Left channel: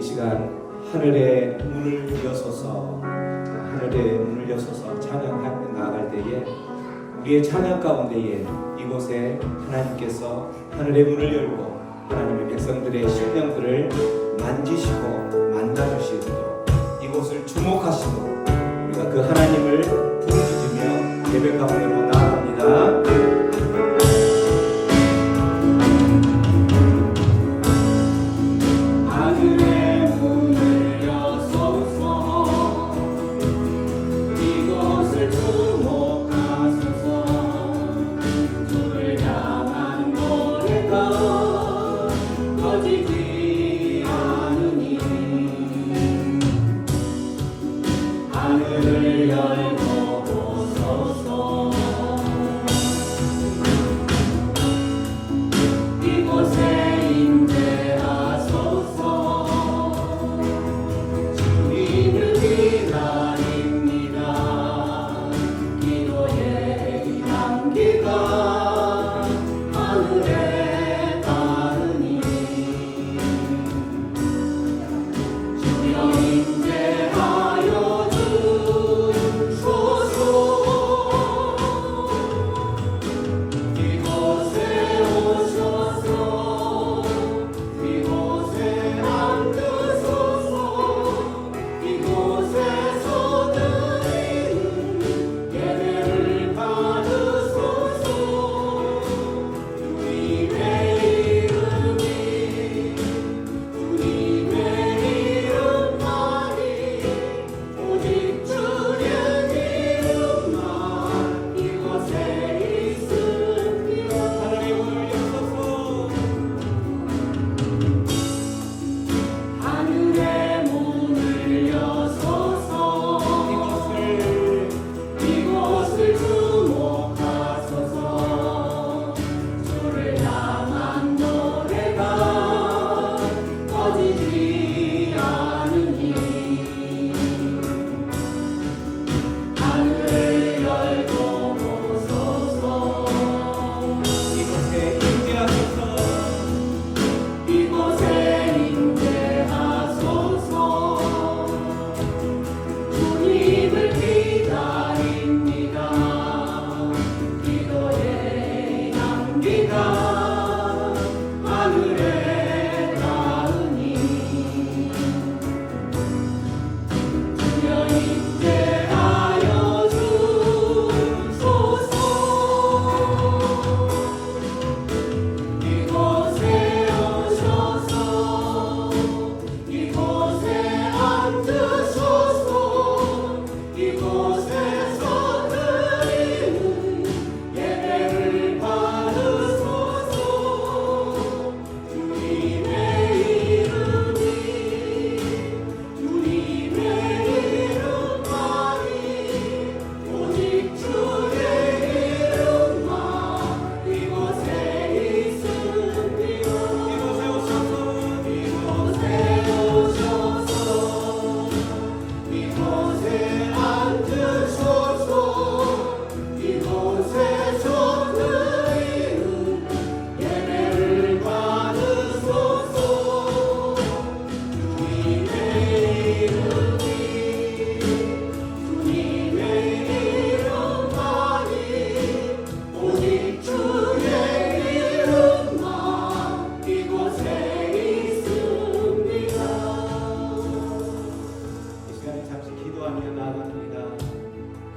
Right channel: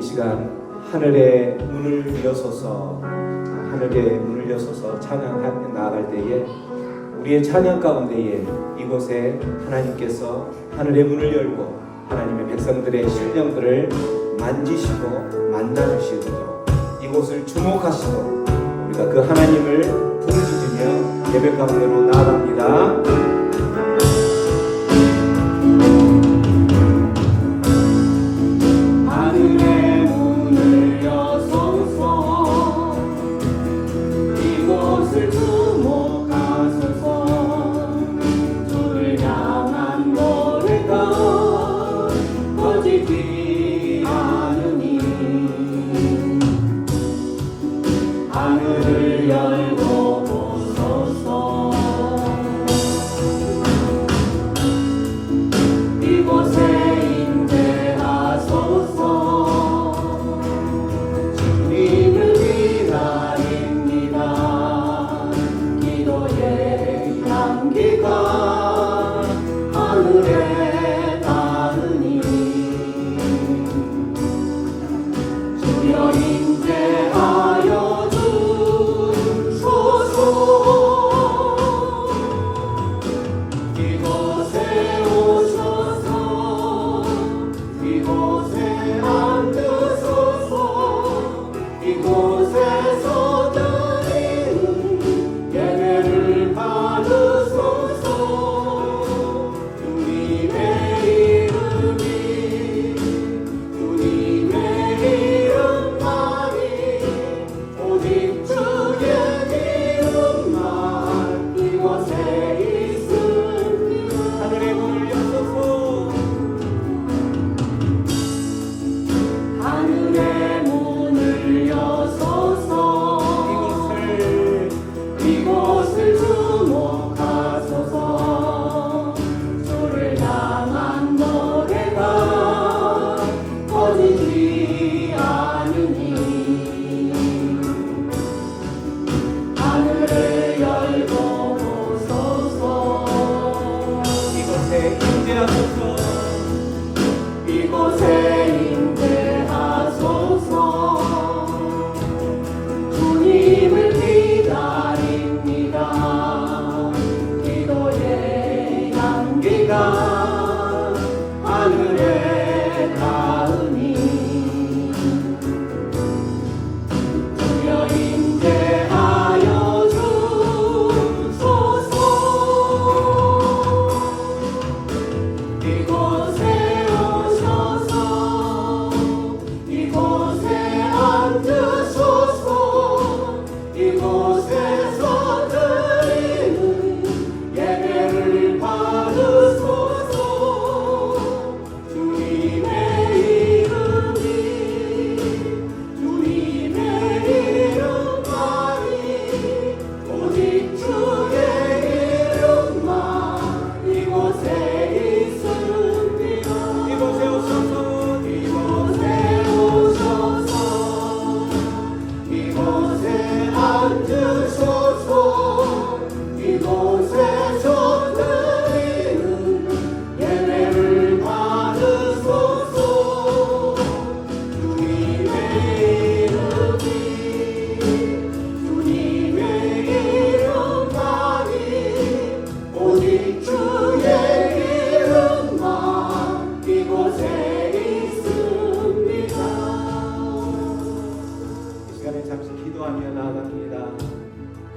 이 시간 하늘의 문을 여소서, 하늘의 문을 여소서 찬양하며 나아갈 때에 우리의 찬양 가운데에 이곳에 하나님께서 하늘의 문을 열고 하나님의 백성들의 심령들을 만지시고 만나주시도록 이곳을 주목하시도록 우리가 그 하나님을 부르짖으며 예배 가운데로 나아갑니다.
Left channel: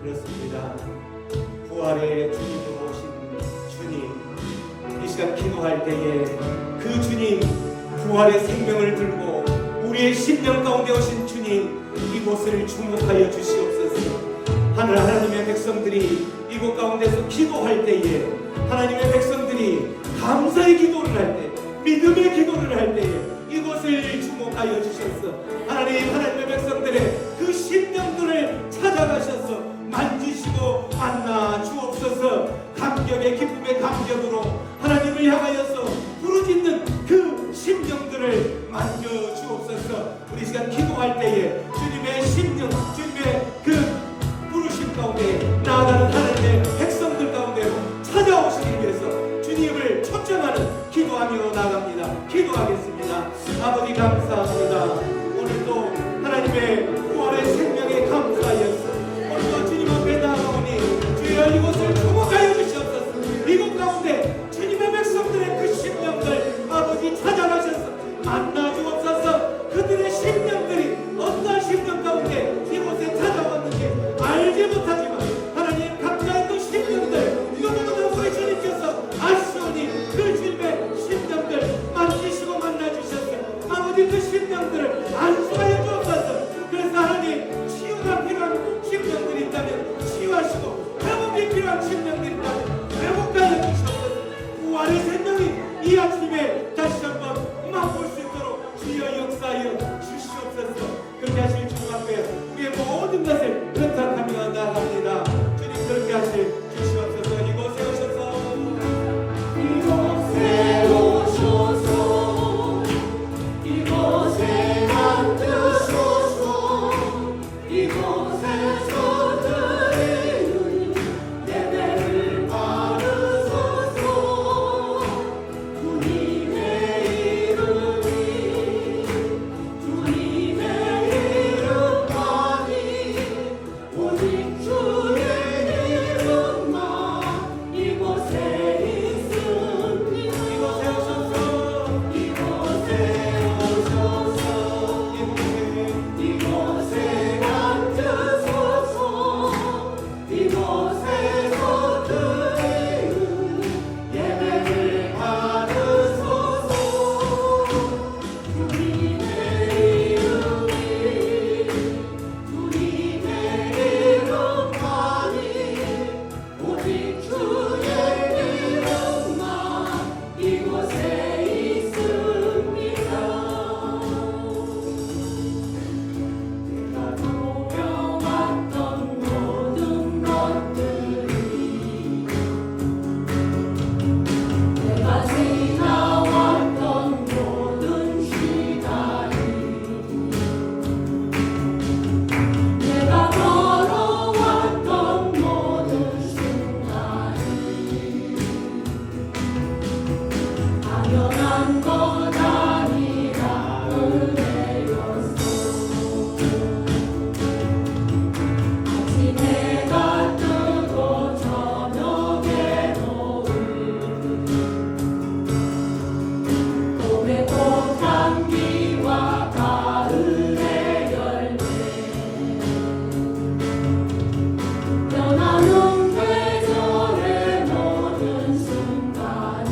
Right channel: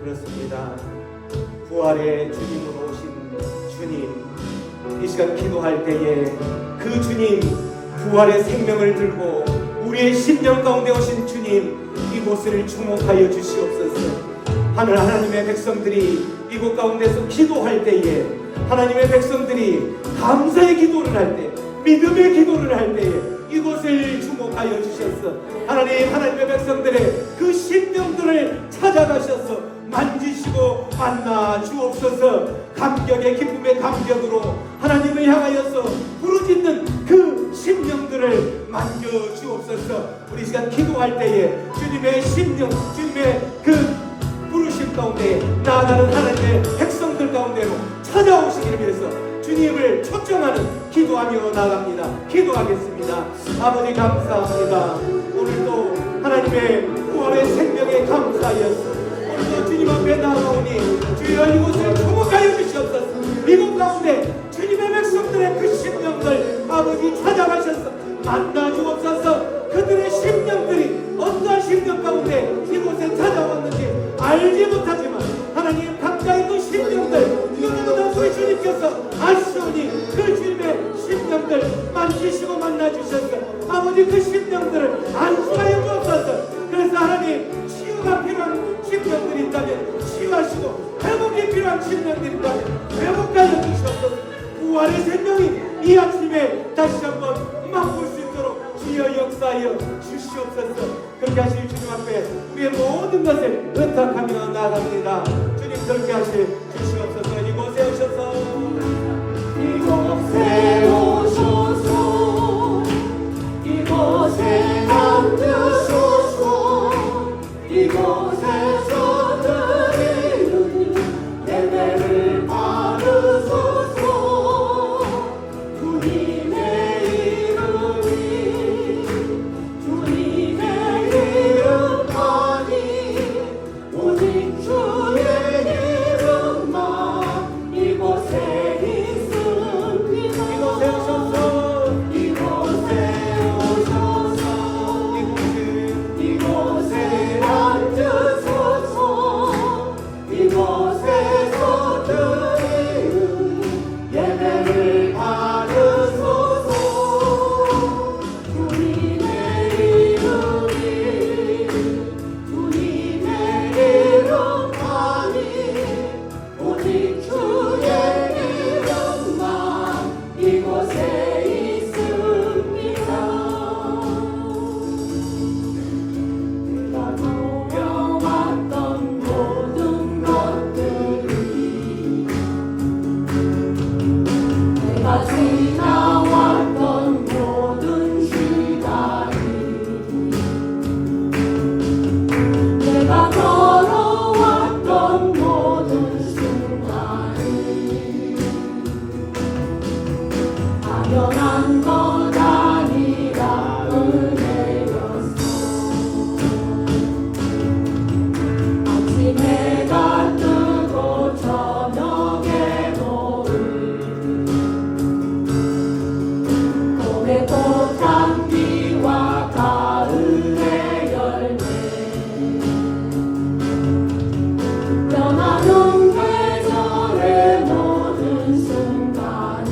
그렇습니다. 부활의 주님으로 오신 주님, 이 시간 기도할 때에 그 주님 부활의 생명을 들고 우리의 심령 가운데 오신 주님, 이곳을 주목하여 주시옵소서. 하나님의 백성들이 이곳 가운데서 기도할 때에 하나님의 백성들이 감사의 기도를 할 때, 믿음의 기도를 할 때에 이곳을 주목하여 주셔서 하나님의 백성들의 그 심령들을 찾아가셔서 만지시고 만나 주옵소서. 감격의 기쁨의 감격으로 하나님을 향하여서 부르짖는 그 심령들을 만져 주옵소서. 우리 시간 기도할 때에 주님의 심령, 주님의 그 부르심 가운데 나아가는 하나님의 백성들 가운데로 찾아오시기를 위해서 주님을 초청하는 기도하며 나갑니다. 기도하겠습니다. 아버지 감사합니다. 오늘도 하나님의 부활의 생명에 감사하였습니다. 오늘도 주님 앞에 나아오니 주여 이곳을 축복하여 주시옵소서. 이곳 가운데 주님의 백성들의 그 심령들 아버지 찾아가셔서 만나 주옵소서. 그들의 심령들이 어떠한 심령 가운데 이곳에 찾아왔는지 알지 못하지만 하나님 각자의 그 심령들 너무나 우리 주님께서 아시오니 그 주님의 심령들 만지시고 만나주셔서 아버지 그 심령들을 안수하여 주옵소서. 그래서 하나님 치유가 필요한 심령들이 있다면 치유하시고 회복이 필요한 심령들이 있다면 회복하여 주시옵소서. 부활의 생명이 이 아침에 다시 한번 맛볼 수 있도록 주여 역사하여 주시옵소서. 그렇게 하실 주님 앞에 우리의 모든 것을 의탁하며 나갑니다. 주님 그렇게 하실 주시옵소서. 이곳에 오셔서 이곳에 오셔서 이곳에 앉으소서. 이곳에서 드리는 예배를 받으소서. 주님의 이름이 주님의 이름만이 오직 주의 이름만 이곳에 있습니다. 이곳에 오셔서 이곳에 앉으소서. 이곳에서 드리는 예배를 받으소서. 주님의 이름이 주님의 이름만이 오직 주의 이름만 이곳에 있습니다. 내가 노려왔던 모든 것들이 내가 지나왔던 모든 시간이 내가 걸어왔던 모든 순간이 당연한 것 아니라 은혜였어. 아침 해가 뜨고 저녁에 노을 봄의 꽃향기와 가을의 열매 변하는 계절의 모든 순간이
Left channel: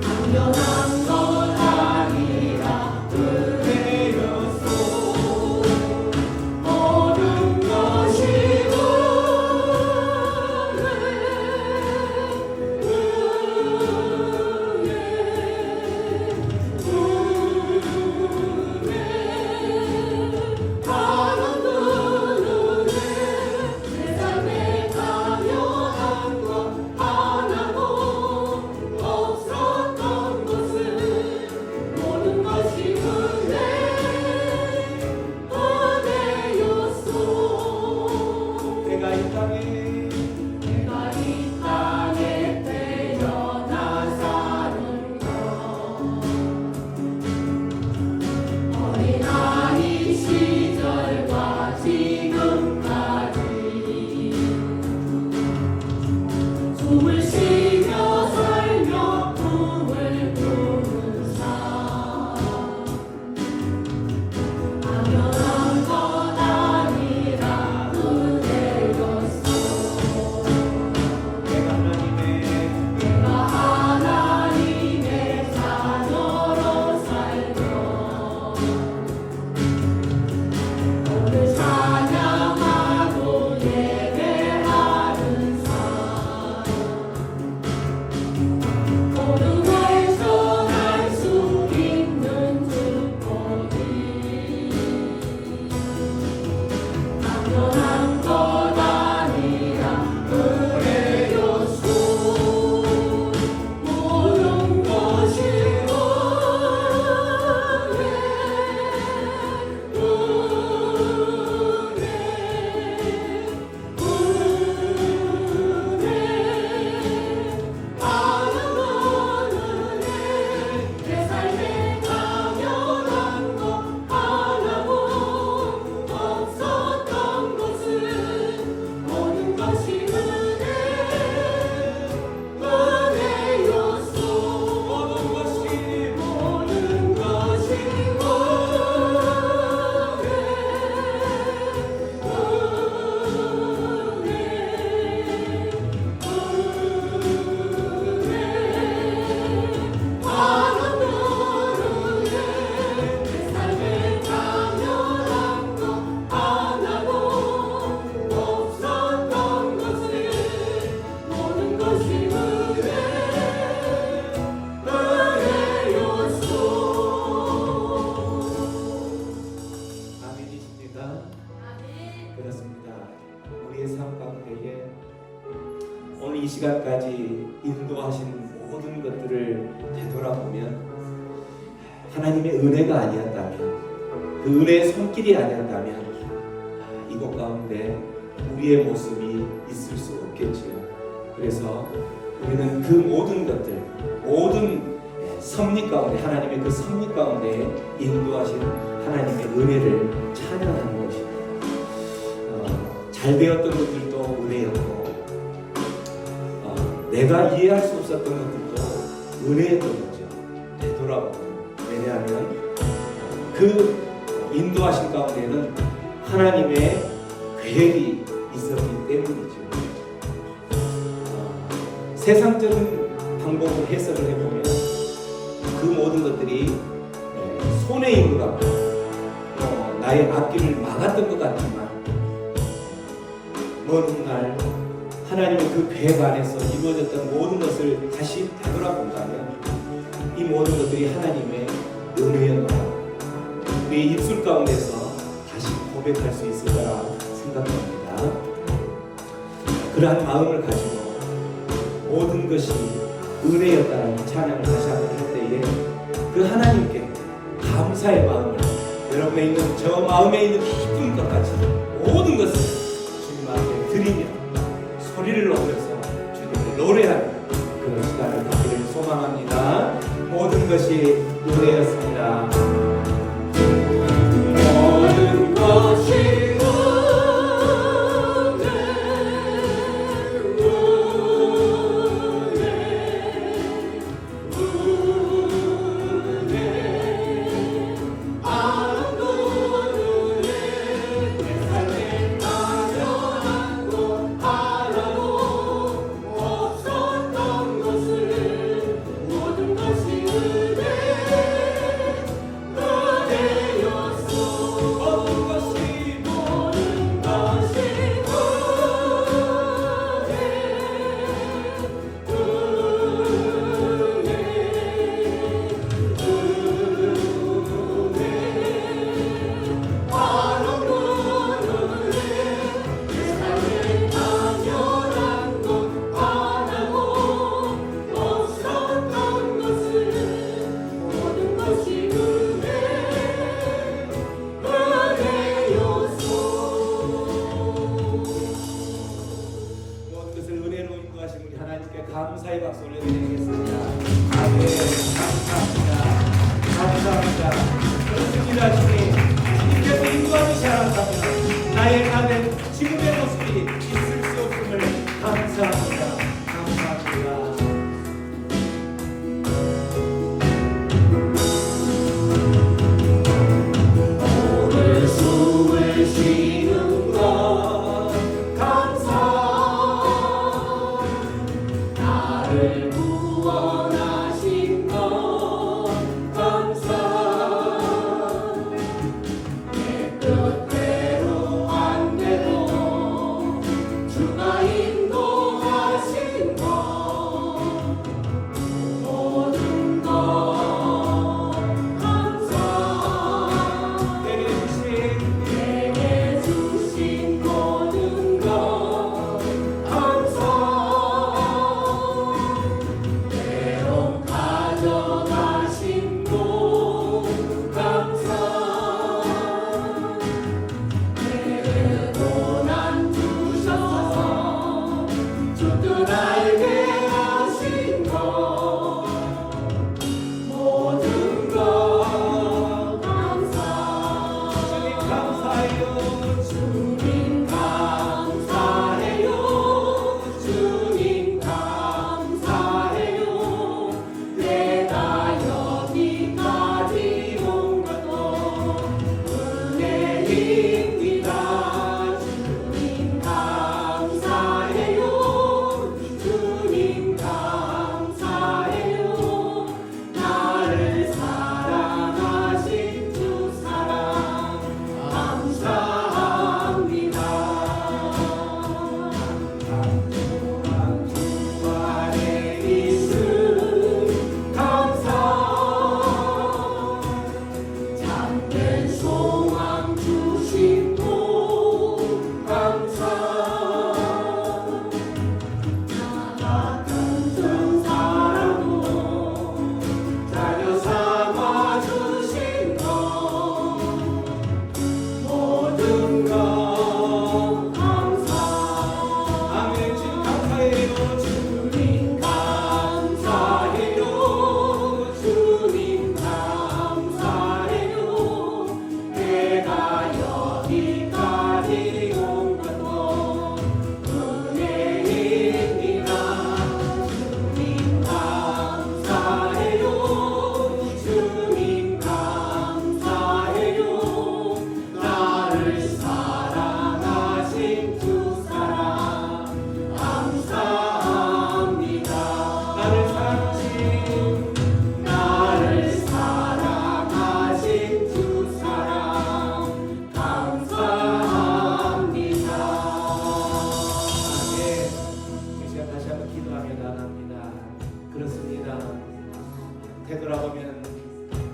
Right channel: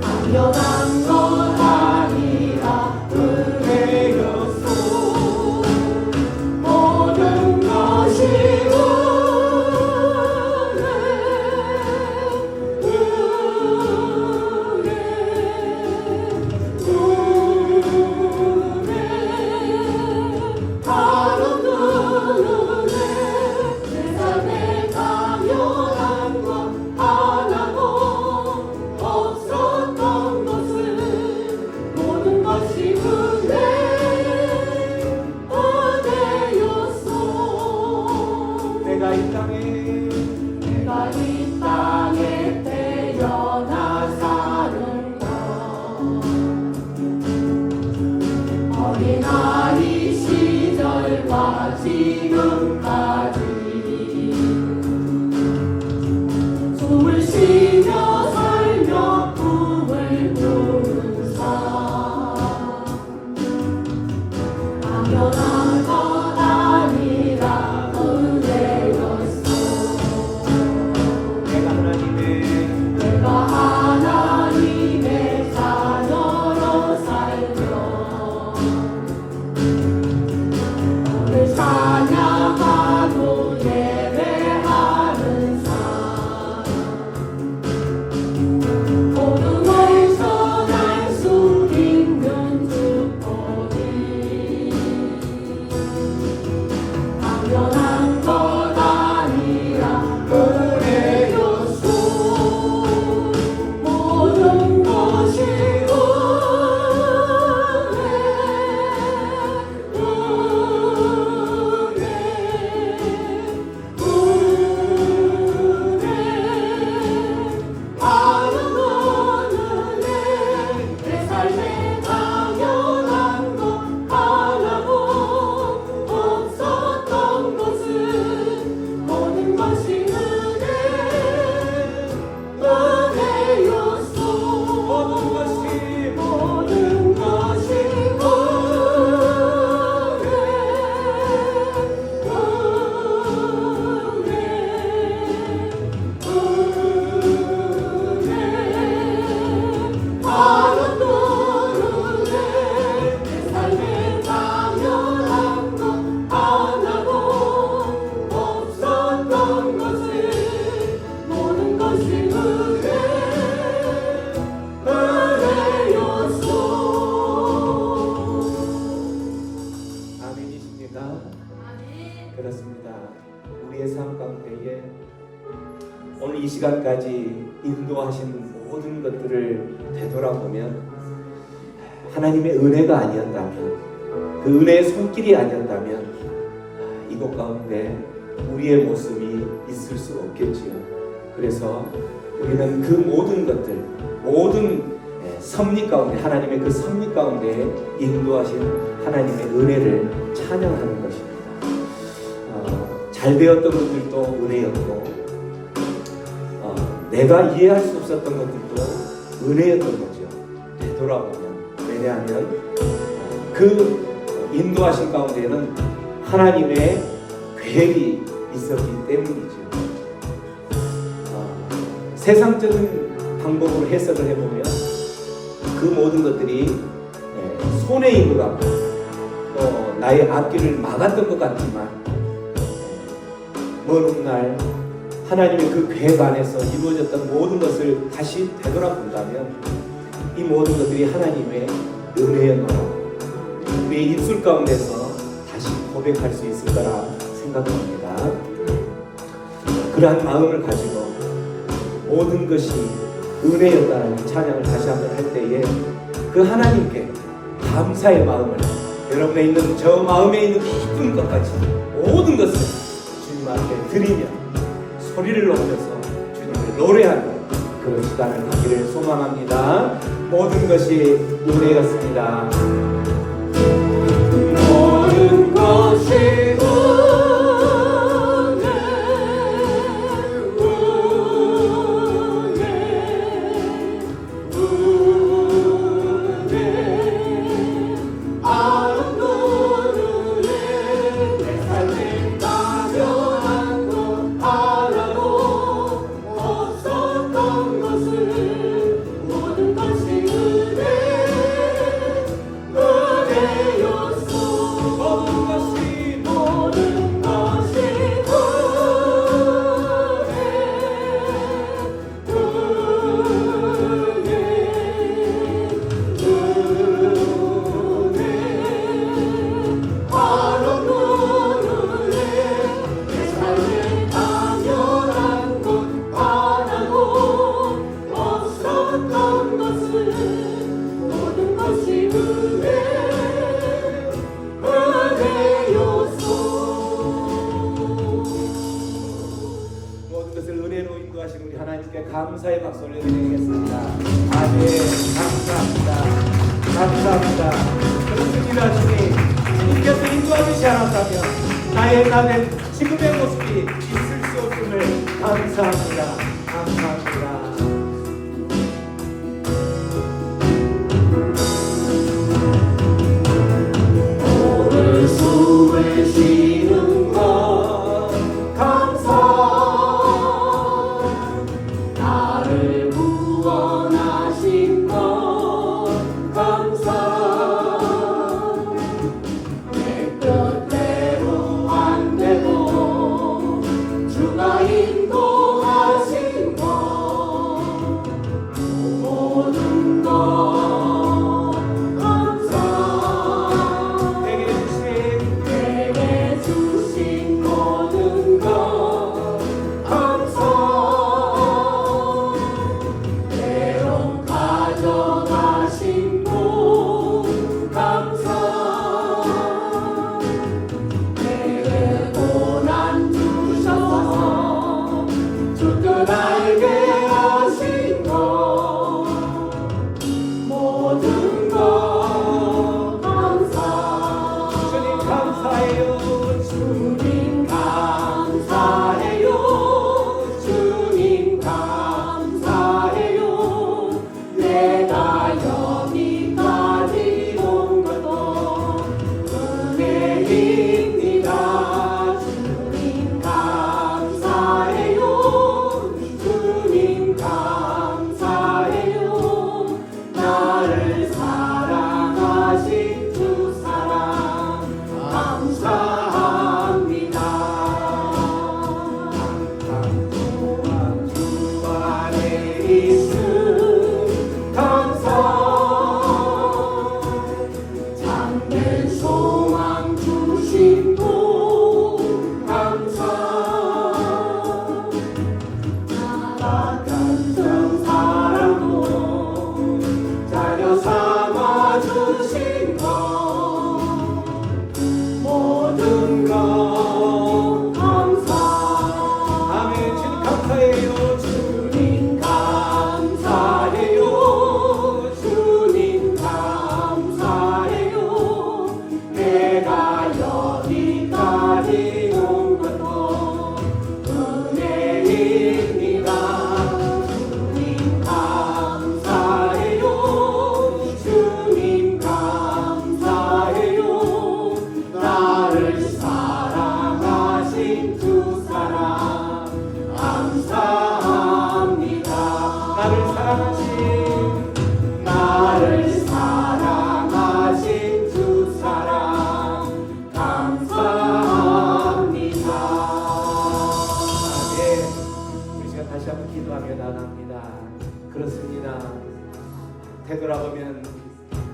당연한 것 아니라 은혜였소. 모든 것이 은혜 하나도 은혜 내 삶에 당연한 것 하나도 없었던 것은 모든 것이 은혜였소. 내가 이 땅에 내가 이 땅에 태어나 사는 것 어린아이 시절과 지금까지 숨을 쉬며 살며 꿈을 꾸는 삶 당연한 것 아니라 은혜였어. 내가 하나님의 내가 하나님의 자녀로 살며 삶에 당연한 것 하나도 없었던 것은 모든 것이 은혜였소. 모든 것이 아멘이십니까? 그렇습니다. 우리의 삶 가운데에 오늘 이 시간까지 인도하신 모든 것들을 되돌아보면 하나님의 은혜가 아니었다면, 그 은혜의 손길이 아니었다면 이곳 가운데 우리의 모습이 있을 수 없겠지요. 그래서 우리는 그 모든 것들, 모든 섭리 가운데, 하나님의 그 섭리 가운데 인도하신 하나님의 은혜를 찬양하는 것입니다. 잘 되었던 것들도 은혜였고, 내가 이해할 수 없었던 것들도 은혜였던 거죠. 되돌아보면. 왜냐하면 그 인도하신 가운데는 하나님의 계획이 있었기 때문이죠. 세상적인 방법으로 해석을 해보면 그 모든 것들이 손해 있는 것 같고 또 나의 앞길을 막았던 것 같지만 어느 날 하나님의 그 계획 안에서 이루어졌던 모든 것을 다시 되돌아본다면 이 모든 것들이 하나님의 은혜였노라. 우리의 입술 가운데서 다시 고백할 수 있을 거라 생각합니다. 그러한 마음을 가지고 모든 것이 은혜였다는 찬양을 다시 한번 할 때에 그 하나님께 감사의 마음을, 여러분의 있는 저 마음에 있는 깊은 것까지 모든 것을 주님 앞에 드리며 소리를 높여서 주님을 노래하는 그런 시간을 갖기를 소망합니다. 모든 것이 은혜였습니다. 모든 것이 감사의 박수 올려드리겠습니다. 아멘. 감사합니다. 감사합니다. 그렇습니다. 주님, 주님께서 인도하시지 않았다면 나의 나는 지금의 모습이 있을 수 없음을 감사합니다. 감사합니다. 오늘 숨을 쉬는 것 감사. 나를 구원하신 것 감사. 내 뜻대로 안 돼도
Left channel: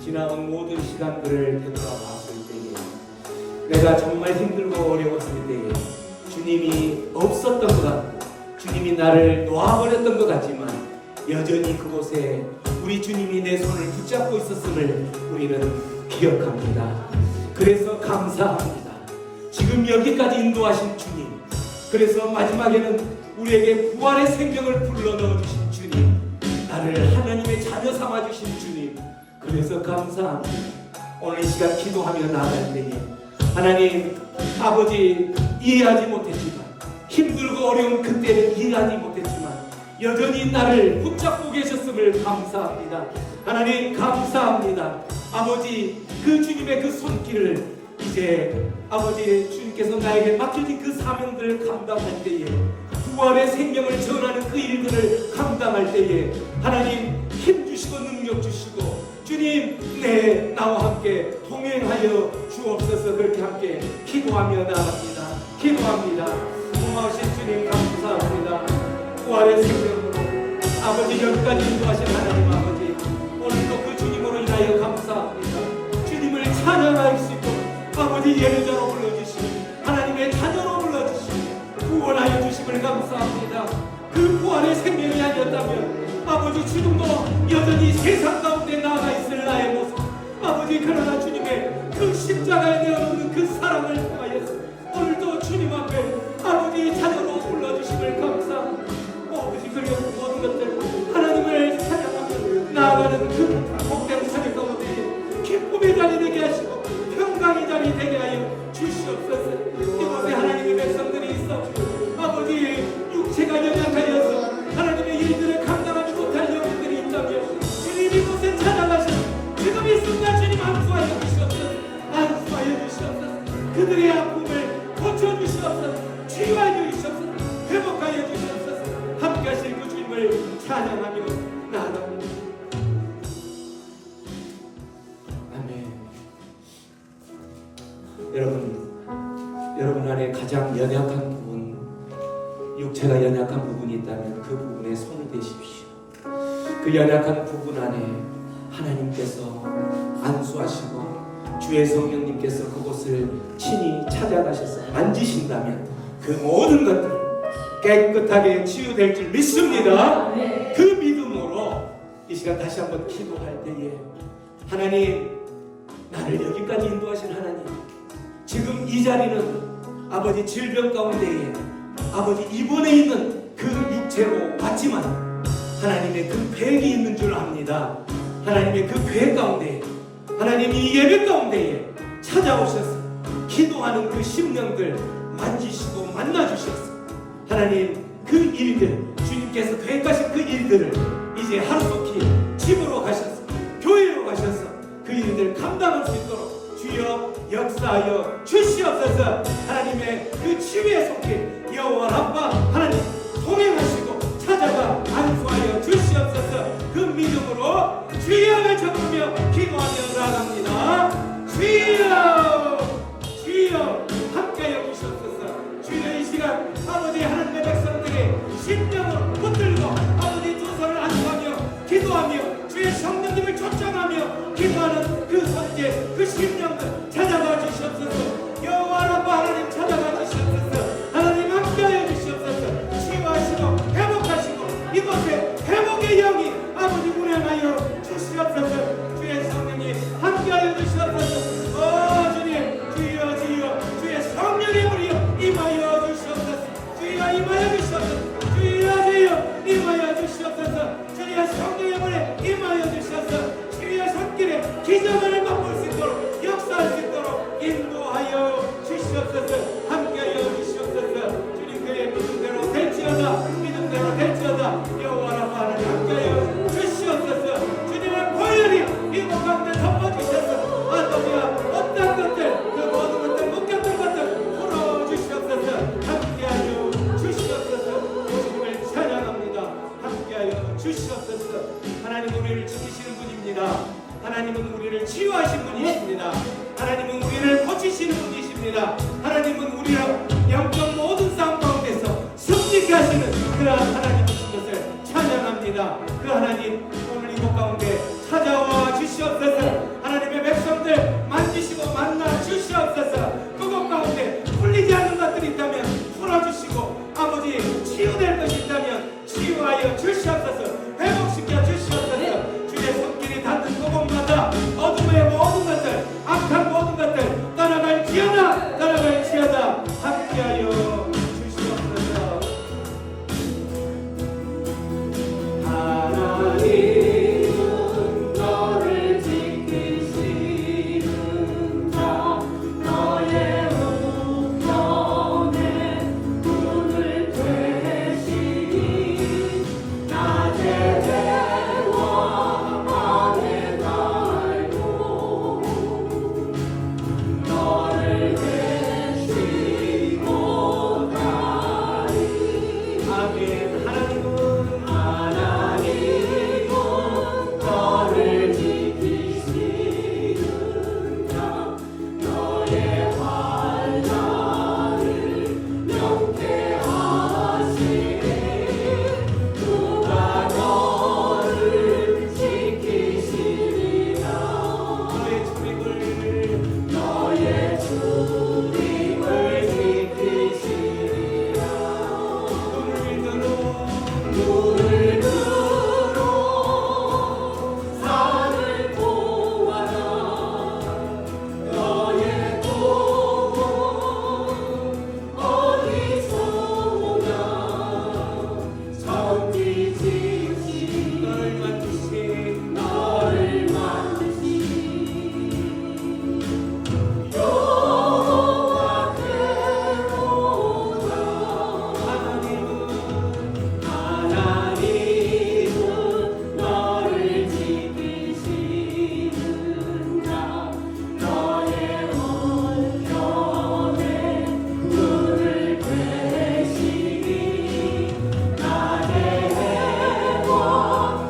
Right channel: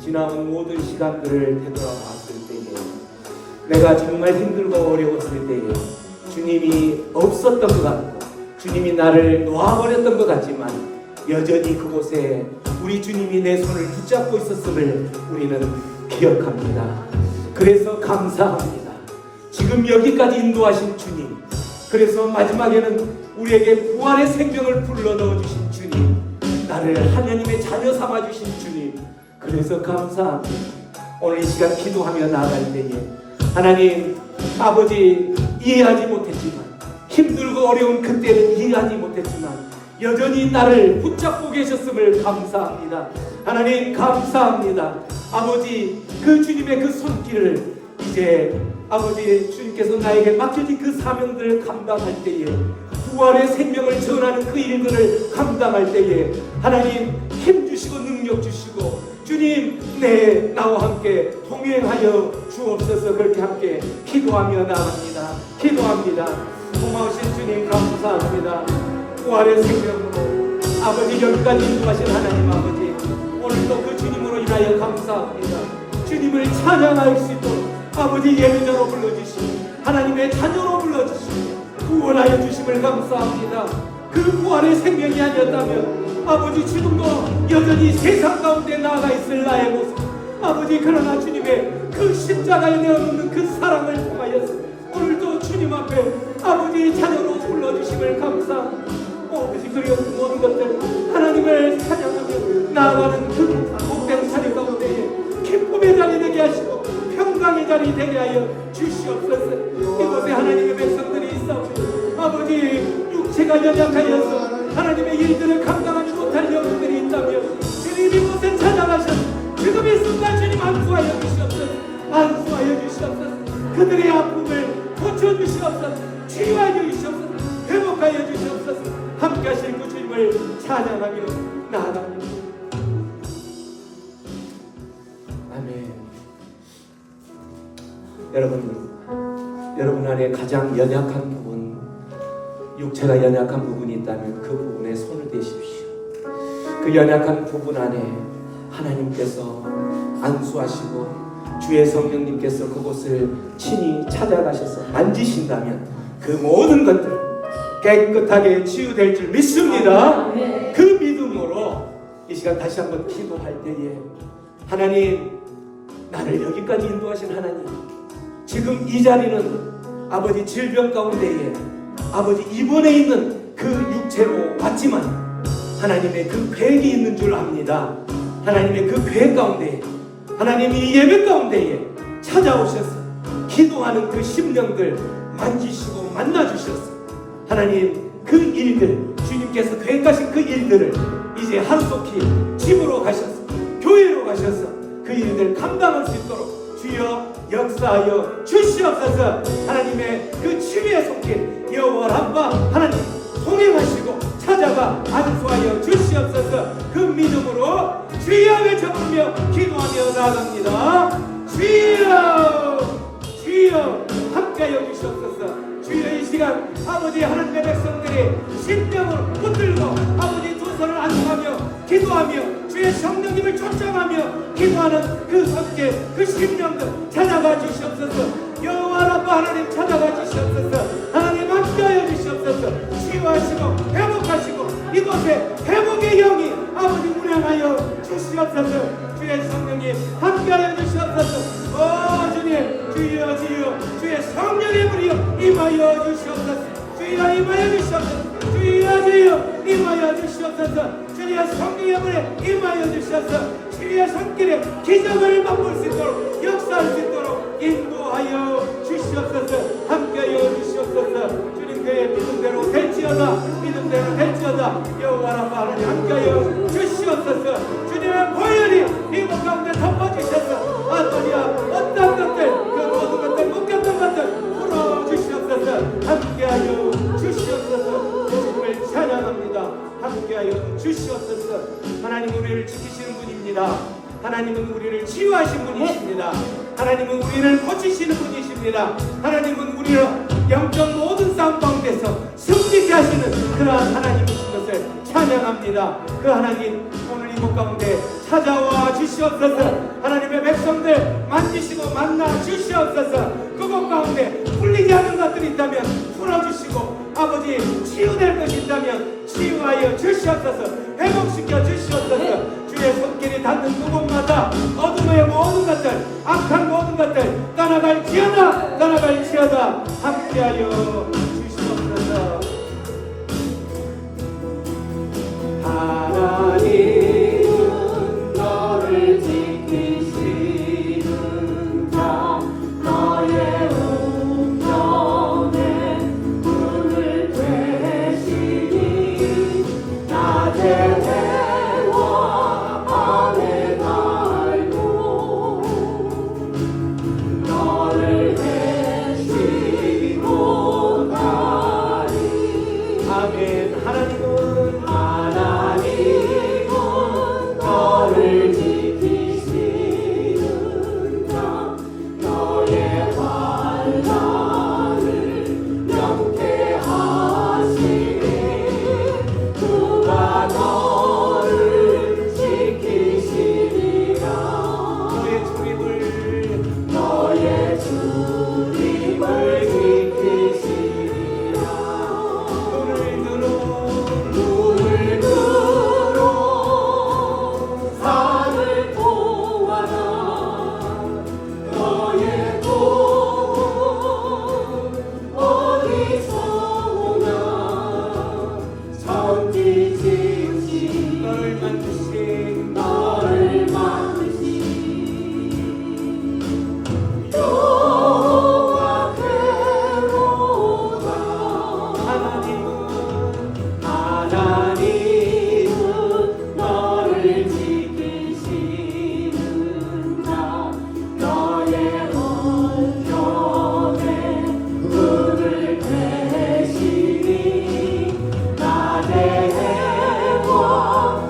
지나온 모든 시간들을 되돌아봤을 때에 내가 정말 힘들고 어려웠을 때에 주님이 없었던 것 같고 주님이 나를 놓아버렸던 것 같지만 여전히 그곳에 우리 주님이 내 손을 붙잡고 있었음을 우리는 기억합니다. 그래서 감사합니다. 지금 여기까지 인도하신 주님, 그래서 마지막에는 우리에게 부활의 생명을 불러넣어 주신 주님, 나를 하나님의 자녀 삼아 주신 주님, 그래서 감사합니다. 오늘 이 시간 기도하며 나아갈 때에 하나님 아버지 이해하지 못했지만, 힘들고 어려운 그때는 이해하지 못했지만 여전히 나를 붙잡고 계셨음을 감사합니다. 하나님 감사합니다. 아버지 그 주님의 그 손길을 이제 아버지 주님께서 나에게 맡겨진 그 사명들을 감당할 때에, 부활의 생명을 전하는 그 일들을 감당할 때에 하나님 힘주시고 능력 주시고 주님 나와 함께 동행하여 주옵소서. 그렇게 함께 기도하며 나갑니다. 기도합니다. 고마우신 주님 감사합니다. 부활의 생명으로 아버지 여기까지 인도하신 하나님 아버지, 오늘도 그 주님으로 인하여 감사합니다. 주님을 찬양할 수 있도록 아버지 예배자로 불러주시고 하나님의 자녀로 불러주시고 구원하여 주심을 감사합니다. 그 부활의 생명이 아니었다면 아버지 지금도 여전히 세상 가운데 나아가 있을 나의 모습, 아버지 그러나 주님의 그 십자가에 내어놓는 그 사랑을 통하여서 오늘도 주님 앞에 아버지 자녀로 불러주심을 감사합니다. 아버지 그리운 모든 것들 하나님을 찬양하며 나아가는 그 복된 자리 가운데 기쁨의 자리 되게 하시고 평강의 자리 되게 하여 주시옵소서. 이곳에 하나님의 백성들이 있어 아버지 육체가 연약하여서 하나님의 일들을 감당하지 못할 영혼들이 있다면 주님 이곳에 찾아가셔서 지금 이 순간 주님 안수하여 주시옵소서. 안수하여 주시옵소서. 그들의 아픔을 고쳐주시옵소서. 치유하여 주시옵소서. 회복하여 주시옵소서. 함께 하실 그 주님을 찬양하며 나아갑니다. 아멘. 여러분 안에 가장 연약한 부분, 육체가 연약한 부분이 있다면 그 부분에 손을 대십시오. 그 연약한 부분 안에 하나님께서 안수하시고 주의 성령님께서 그곳을 친히 찾아가셔서 만지신다면 그 모든 것들 깨끗하게 치유될 줄 믿습니다. 그 믿음으로 이 시간 다시 한번 기도할 때에 하나님, 나를 여기까지 인도하신 하나님, 지금 이 자리는 아버지 질병 가운데에 아버지 입원해 있는 그 육체로 왔지만 하나님의 그 계획이 있는 줄 압니다. 하나님의 그 계획 가운데 하나님 이 예배 가운데에 찾아오셔서 기도하는 그 심령들 만지시고 만나주셔서 하나님 그 일들, 주님께서 계획하신 그 일들을 이제 하루속히 집으로 가셔서 교회로 가셔서 그 일들 감당할 수 있도록 주여 역사하여 주시옵소서. 하나님의 그 치유의 손길 여호와 라파 하나님 동행하시고 찾아가 안수하여 주시옵소서. 그 믿음으로 주여 외쳐부르며 기도하며 나아갑니다. 주여 주여 함께하여 주시옵소서. 주여 이 시간 아버지 하나님의 백성들이 신령을 붙들고 아버지 두 손을 안수하며 기도하며 주의 성령님을 초청하며 기도하는 그 손길, 그 심령들 찾아가 주시옵소서. 여호와 라파 하나님 찾아가 주시옵소서. 하나님 함께하여 주시옵소서. 치유하시고 회복하시고 이곳에 회복의 영이 아버지 운행하여 주시옵소서. 주의 성령님 함께하여 주시옵소서. 주님 주여 주여 주의 성령의 불이여 임하여 주시옵소서. 주여 임하여 주시옵소서. 주여 주여 임하여 주시옵소서. 주의 성령의 불에 임하여 주시옵소서. 주의 손길에 기적을 맛볼 수 있도록 역사할 수 있도록 인도하여 주시옵소서. 함께하여 주시옵소서. 주님 그의 믿음대로 될지어다. 믿음대로 될지어다. 여호와 라파 하나님 함께하여 주시옵소서. 주님의 보혈이 이곳 가운데 덮어주셔서 아버지야 어떤 것들 그 모든 것들 묶였던 것들 풀어주시옵소서. 함께하여 주시옵소서. 주님을 찬양합니다. 함께하여 주시옵소서. 하나님은 우리를 지키시는 분입니다. 하나님은 우리를 치유하신 분이십니다. 하나님은 우리를 고치시는 분이십니다. 하나님은 우리를 영적 모든 싸움 가운데서 승리케 하시는 그러한 하나님이신 것을 찬양합니다. 그 하나님 오늘 이곳 가운데 찾아와 주시옵소서. 백성들 만지시고 만나 주시옵소서. 그것 가운데 풀리지 않는 것들이 있다면 풀어주시고 아버지 치유될 것이 있다면 치유하여 주시옵소서. 회복시켜 주시옵소서. 주의 손길이 닿는 그곳마다 어둠의 모든 것들 악한 모든 것들 떠나갈지어다 함께하여 주시옵소서. 하나님 너를 지키시는 자 너의 우편에 문을 되시니 낮에 해와 밤에 달도 너를 계시고 다니 아멘. 하나님은 너를 지키시는 자 너의 환난을 명쾌하시니 그가 너를 지키시리라 너의 주님을 지키시리라 눈을 들어 산을 보아라 너의 돈 어디서 오나 천지 지으신 너를 만드신 너를 만드신 여호와께로다 하나님은 너를 지키시는 자 너의 원편에 문을 되시니 낮에 해와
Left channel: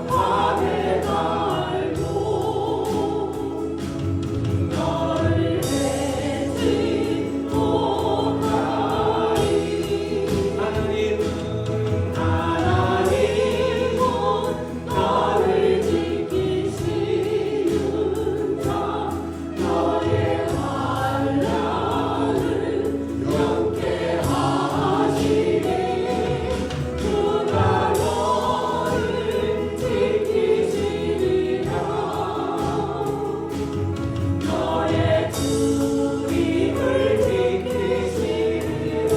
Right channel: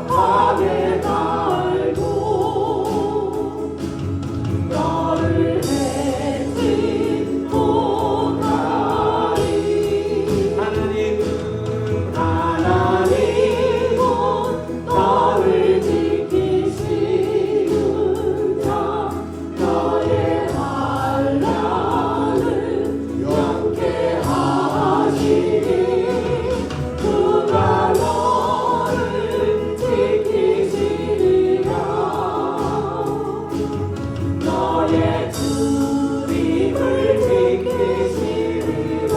밤에 달고 너를 해지 못하리 하나님은 너를 지키시는 자 너의 환난을 명쾌하시니 그가 너를 지키시리라 너의 주님을 지키시리라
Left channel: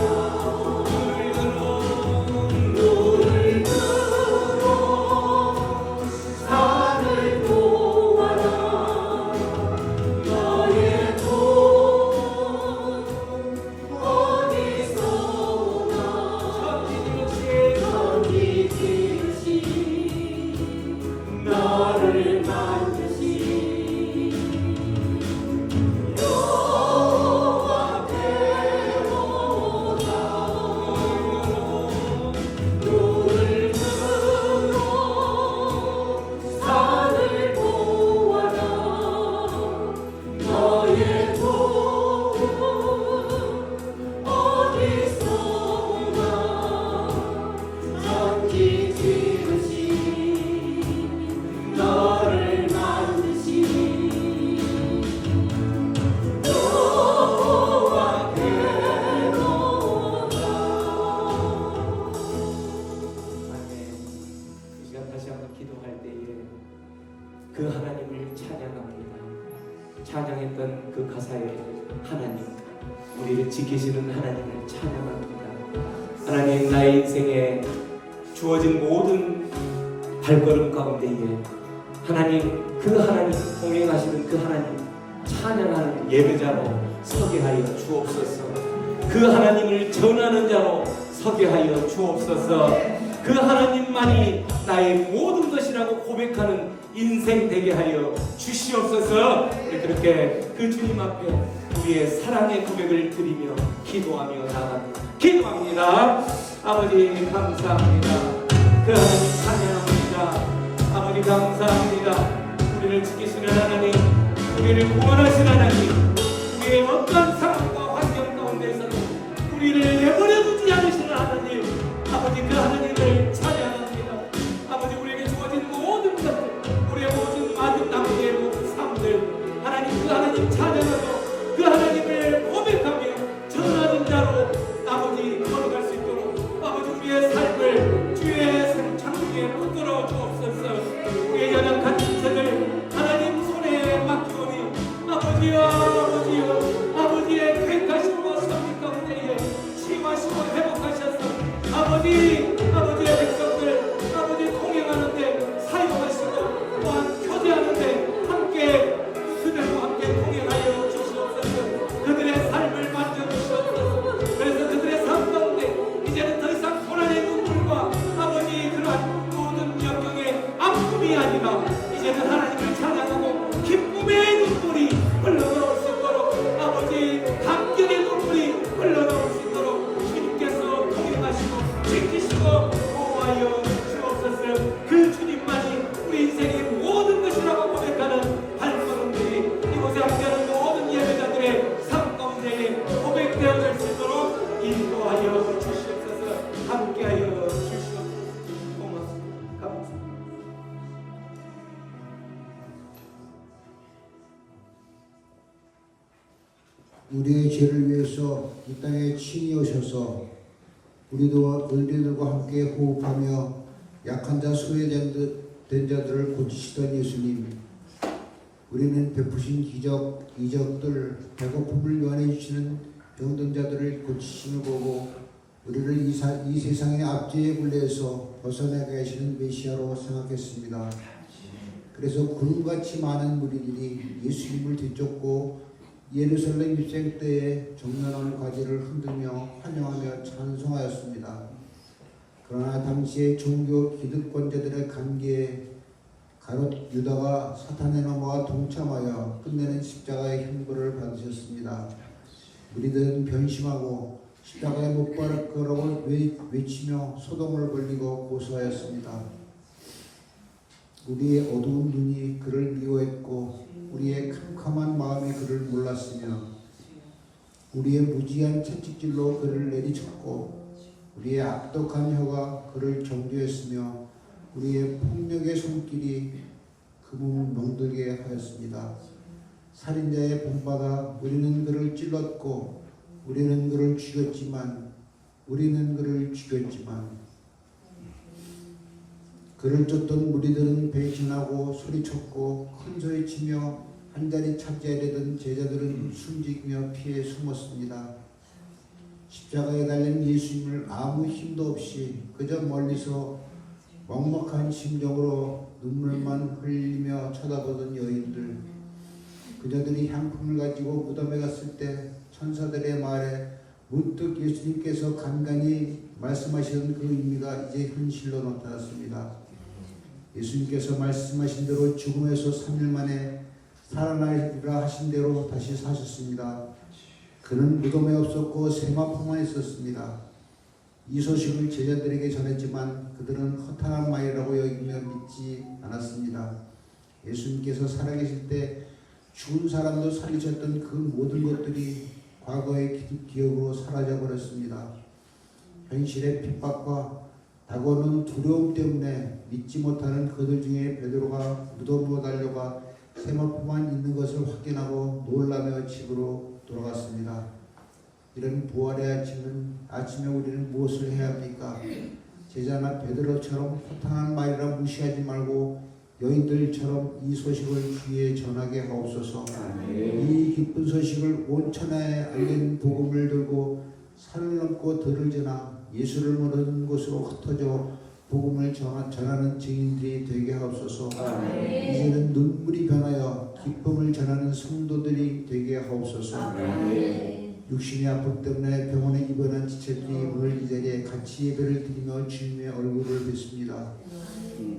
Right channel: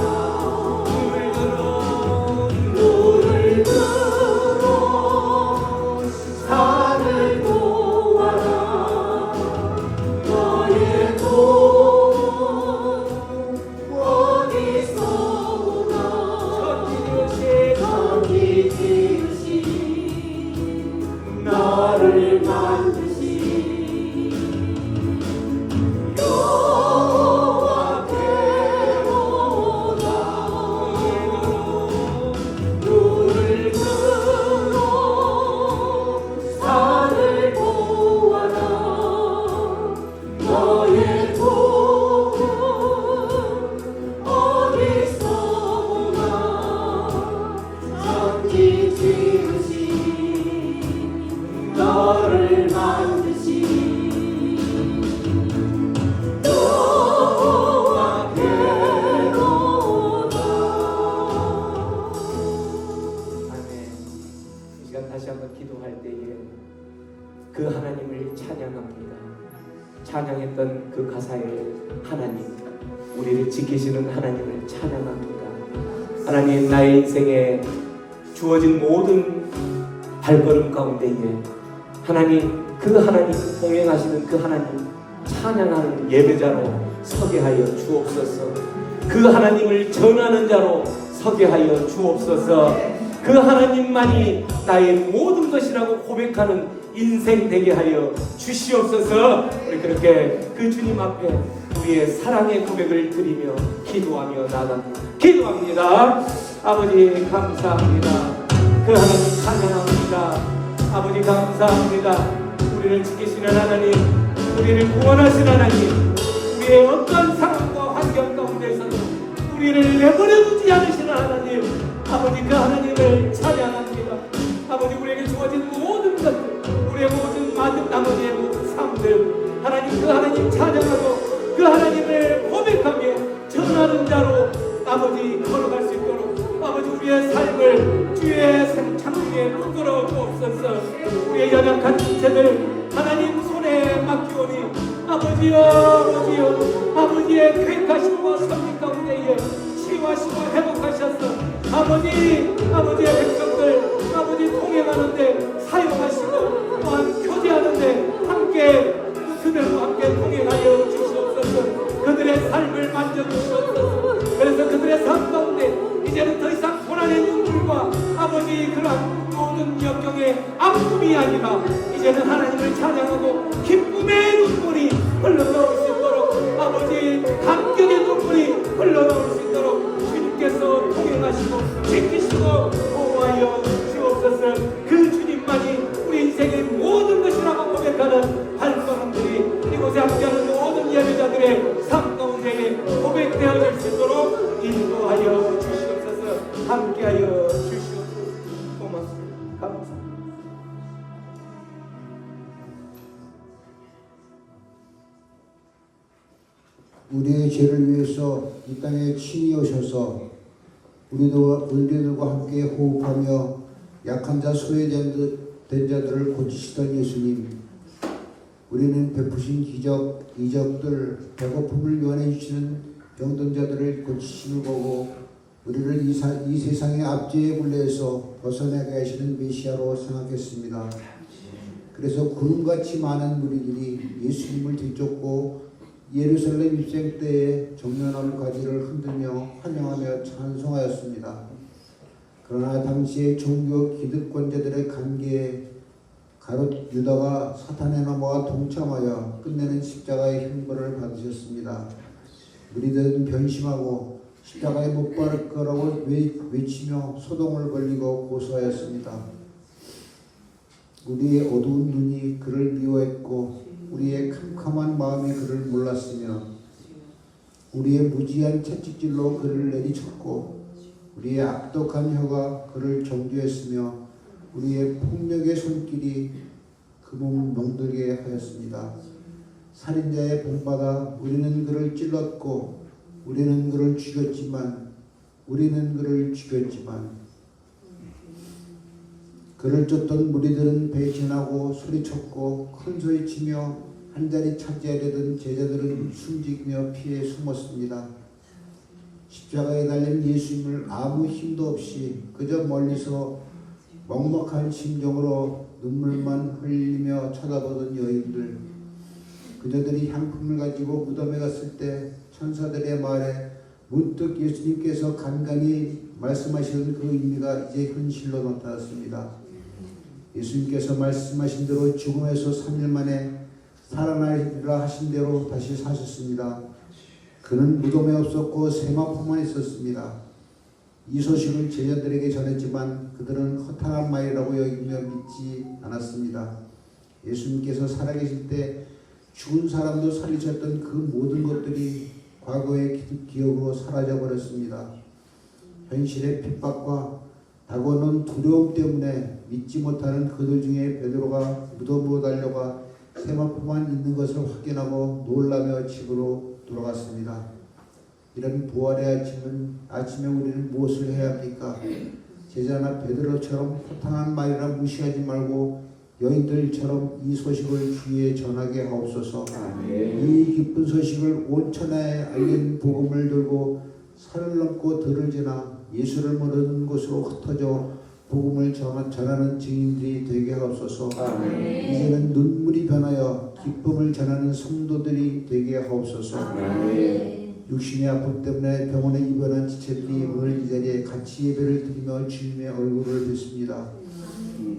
눈을 들어 산을 보아라 너의 돈 어디서 오나 천지 지으신 너를 만드신 여호와께로다 눈을 들어 산을 보아라 너의 돈 어디서 오나 천지 지으신 너를 만드신 여호와께로다 아멘. 이 시간 다시 한번 기도할 때에 그 하나님을 찬양합니다. 찬양했던 그 가사에 하나님, 우리를 지키시는 하나님을 찬양합니다. 하나님, 나의 인생에 주어진 모든 발걸음 가운데에 하나님, 그 하나님, 동행하시는 그 하나님 찬양하는 예배자로 서게 하여 주옵소서. 그 하나님을 전하는 자로 서게 하여 주옵소서. 그 하나님만이 나의 모든 것이라고 고백하는 인생 되게 하여 주시옵소서. 우리 그렇게 그 주님 앞에 우리의 사랑의 고백을 드리며 기도하며 기도합니다. 아버지 감사합니다. 그 하나님 찬양합니다. 아버지 감사합니다. 우리를 지키시는 하나님, 우리를 구원하시는 하나님, 우리의 어떠한 상황과 환경 가운데서도 우리를 내버려 두지 않으시는 하나님, 아버지 그 하나님을 찬양합니다. 아버지 우리에게 주어진 모든 것들, 우리의 모든 나머지의 모든 삶들 하나님 그 하나님 찬양하고 그 하나님을 고백하며 전하는 자로 아버지 걸어갈 수 있도록 아버지 우리의 삶을 주의 창중에 붙들어 주옵소서. 우리의 연약한 인생을 하나님 손에 맡기오니 아버지여 아버지의 계획하심과 선택 가운데에 치유하시고 회복하셔서 아버지의 백성들 아버지 통행하는데 사용하시고 또한 교제하는데 함께 그들과 함께 통행하여 주시옵소서. 그들의 삶을 만져주시옵소서. 그래서 그들의 삶 가운데 이제는 더 이상 고난의 눈물과 아버지 그러한 모든 역경의 아픔이 아니라 이제는 하나님을 찬양하고 기쁨의 눈물이 흘러나올 수 있도록 아버지 감격의 눈물이 흘러나올 수 있도록 주님께서 통행하시고 지키시고 보호하여 주옵소서. 그 주님만이 우리 인생의 모든 것이라고 고백하는 발걸음들이 이곳에 함께하는 모든 예배자들의 삶 가운데에 고백되어질 수 있도록 인도하여 주시옵소서. 함께하여 주시옵소서. 고맙습니다. 감사합니다. 우리의 죄를 위해서 이 땅에 친히 오셔서 우리들과 함께 호흡하며 약한 자 소외된 자들을 고치시던 예수님, 우리는 베푸신 기적, 이적들, 배고픔을 요한해 주시는 병든 자들을 고치시는 거고 우리를 이 세상의 압제의 굴레에서 벗어나게 하시는 메시아로 생각했습니다. 그래서 구름같이 많은 무리들이 예수님을 뒤쫓고 예루살렘 입생 때에 정면한 가지를 흔들며 환영하며 찬송하였습니다. 그러나 당시의 종교 기득권자들의 관계에 가롯 유다가 사탄의 넘어와 동참하여 끝내는 십자가의 형벌을 받으셨습니다. 우리들은 변심하고 십자가에 못 박을 거라고 외치며 소동을 벌이고 고소하였습니다. 우리의 어두운 눈이 그를 미워했고 우리의 캄캄한 마음이 그를 몰랐으며 우리의 무지한 채찍질로 그를 내리쳤고 우리의 악독한 혀가 그를 정죄했으며 우리의 폭력의 손길이 그 몸을 멍들게 하였습니다. 살인자의 본받아 우리는 그를 찔렀고 우리는 그를 죽였지만 그를 쫓던 무리들은 배신하고 소리쳤고 큰 소리치며 한 자리 차지하려던 제자들은 숨지며 피해 숨었습니다. 십자가에 달린 예수님을 아무 힘도 없이 그저 멀리서 먹먹한 심정으로 눈물만 흘리며 쳐다보던 여인들, 그저들이 향품을 가지고 무덤에 갔을 때 천사들의 말에 문득 예수님께서 간간히 말씀하시던 그 의미가 이제 현실로 나타났습니다. 예수님께서 말씀하신 대로 죽음에서 3일 만에 살아나리라 하신 대로 다시 사셨습니다. 그는 무덤에 없었고 세마포만 있었습니다. 이 소식을 제자들에게 전했지만 그들은 허탄한 말이라고 여기며 믿지 않았습니다. 예수님께서 살아계실 때 죽은 사람도 살리셨던 그 모든 것들이 과거의 기억으로 사라져버렸습니다. 현실의 핍박과 다가오는 두려움 때문에 믿지 못하는 그들 중에 베드로가 무덤으로 달려가 세마포만 있는 것을 확인하고 놀라며 집으로 돌아갔습니다. 이런 부활의 아침에 우리는 무엇을 해야 합니까? 제자나 베드로처럼 허탄한 말이라 무시하지 말고 여인들처럼 이 소식을 주위에 전하게 하옵소서. 이 기쁜 소식을 온 천하에 알린 복음을 들고 산을 넘고 들을 지나 예수를 모르는 곳으로 흩어져 복음을 전하는 증인들이 되게 하옵소서. 이제는 눈물이 변하여 기쁨을 전하는 성도들이 되게 하옵소서. 육신의 아픔 때문에 병원에 입원한 지체들이 오늘 이 자리에 같이 예배를 드리며 주님의 얼굴을 뵙습니다.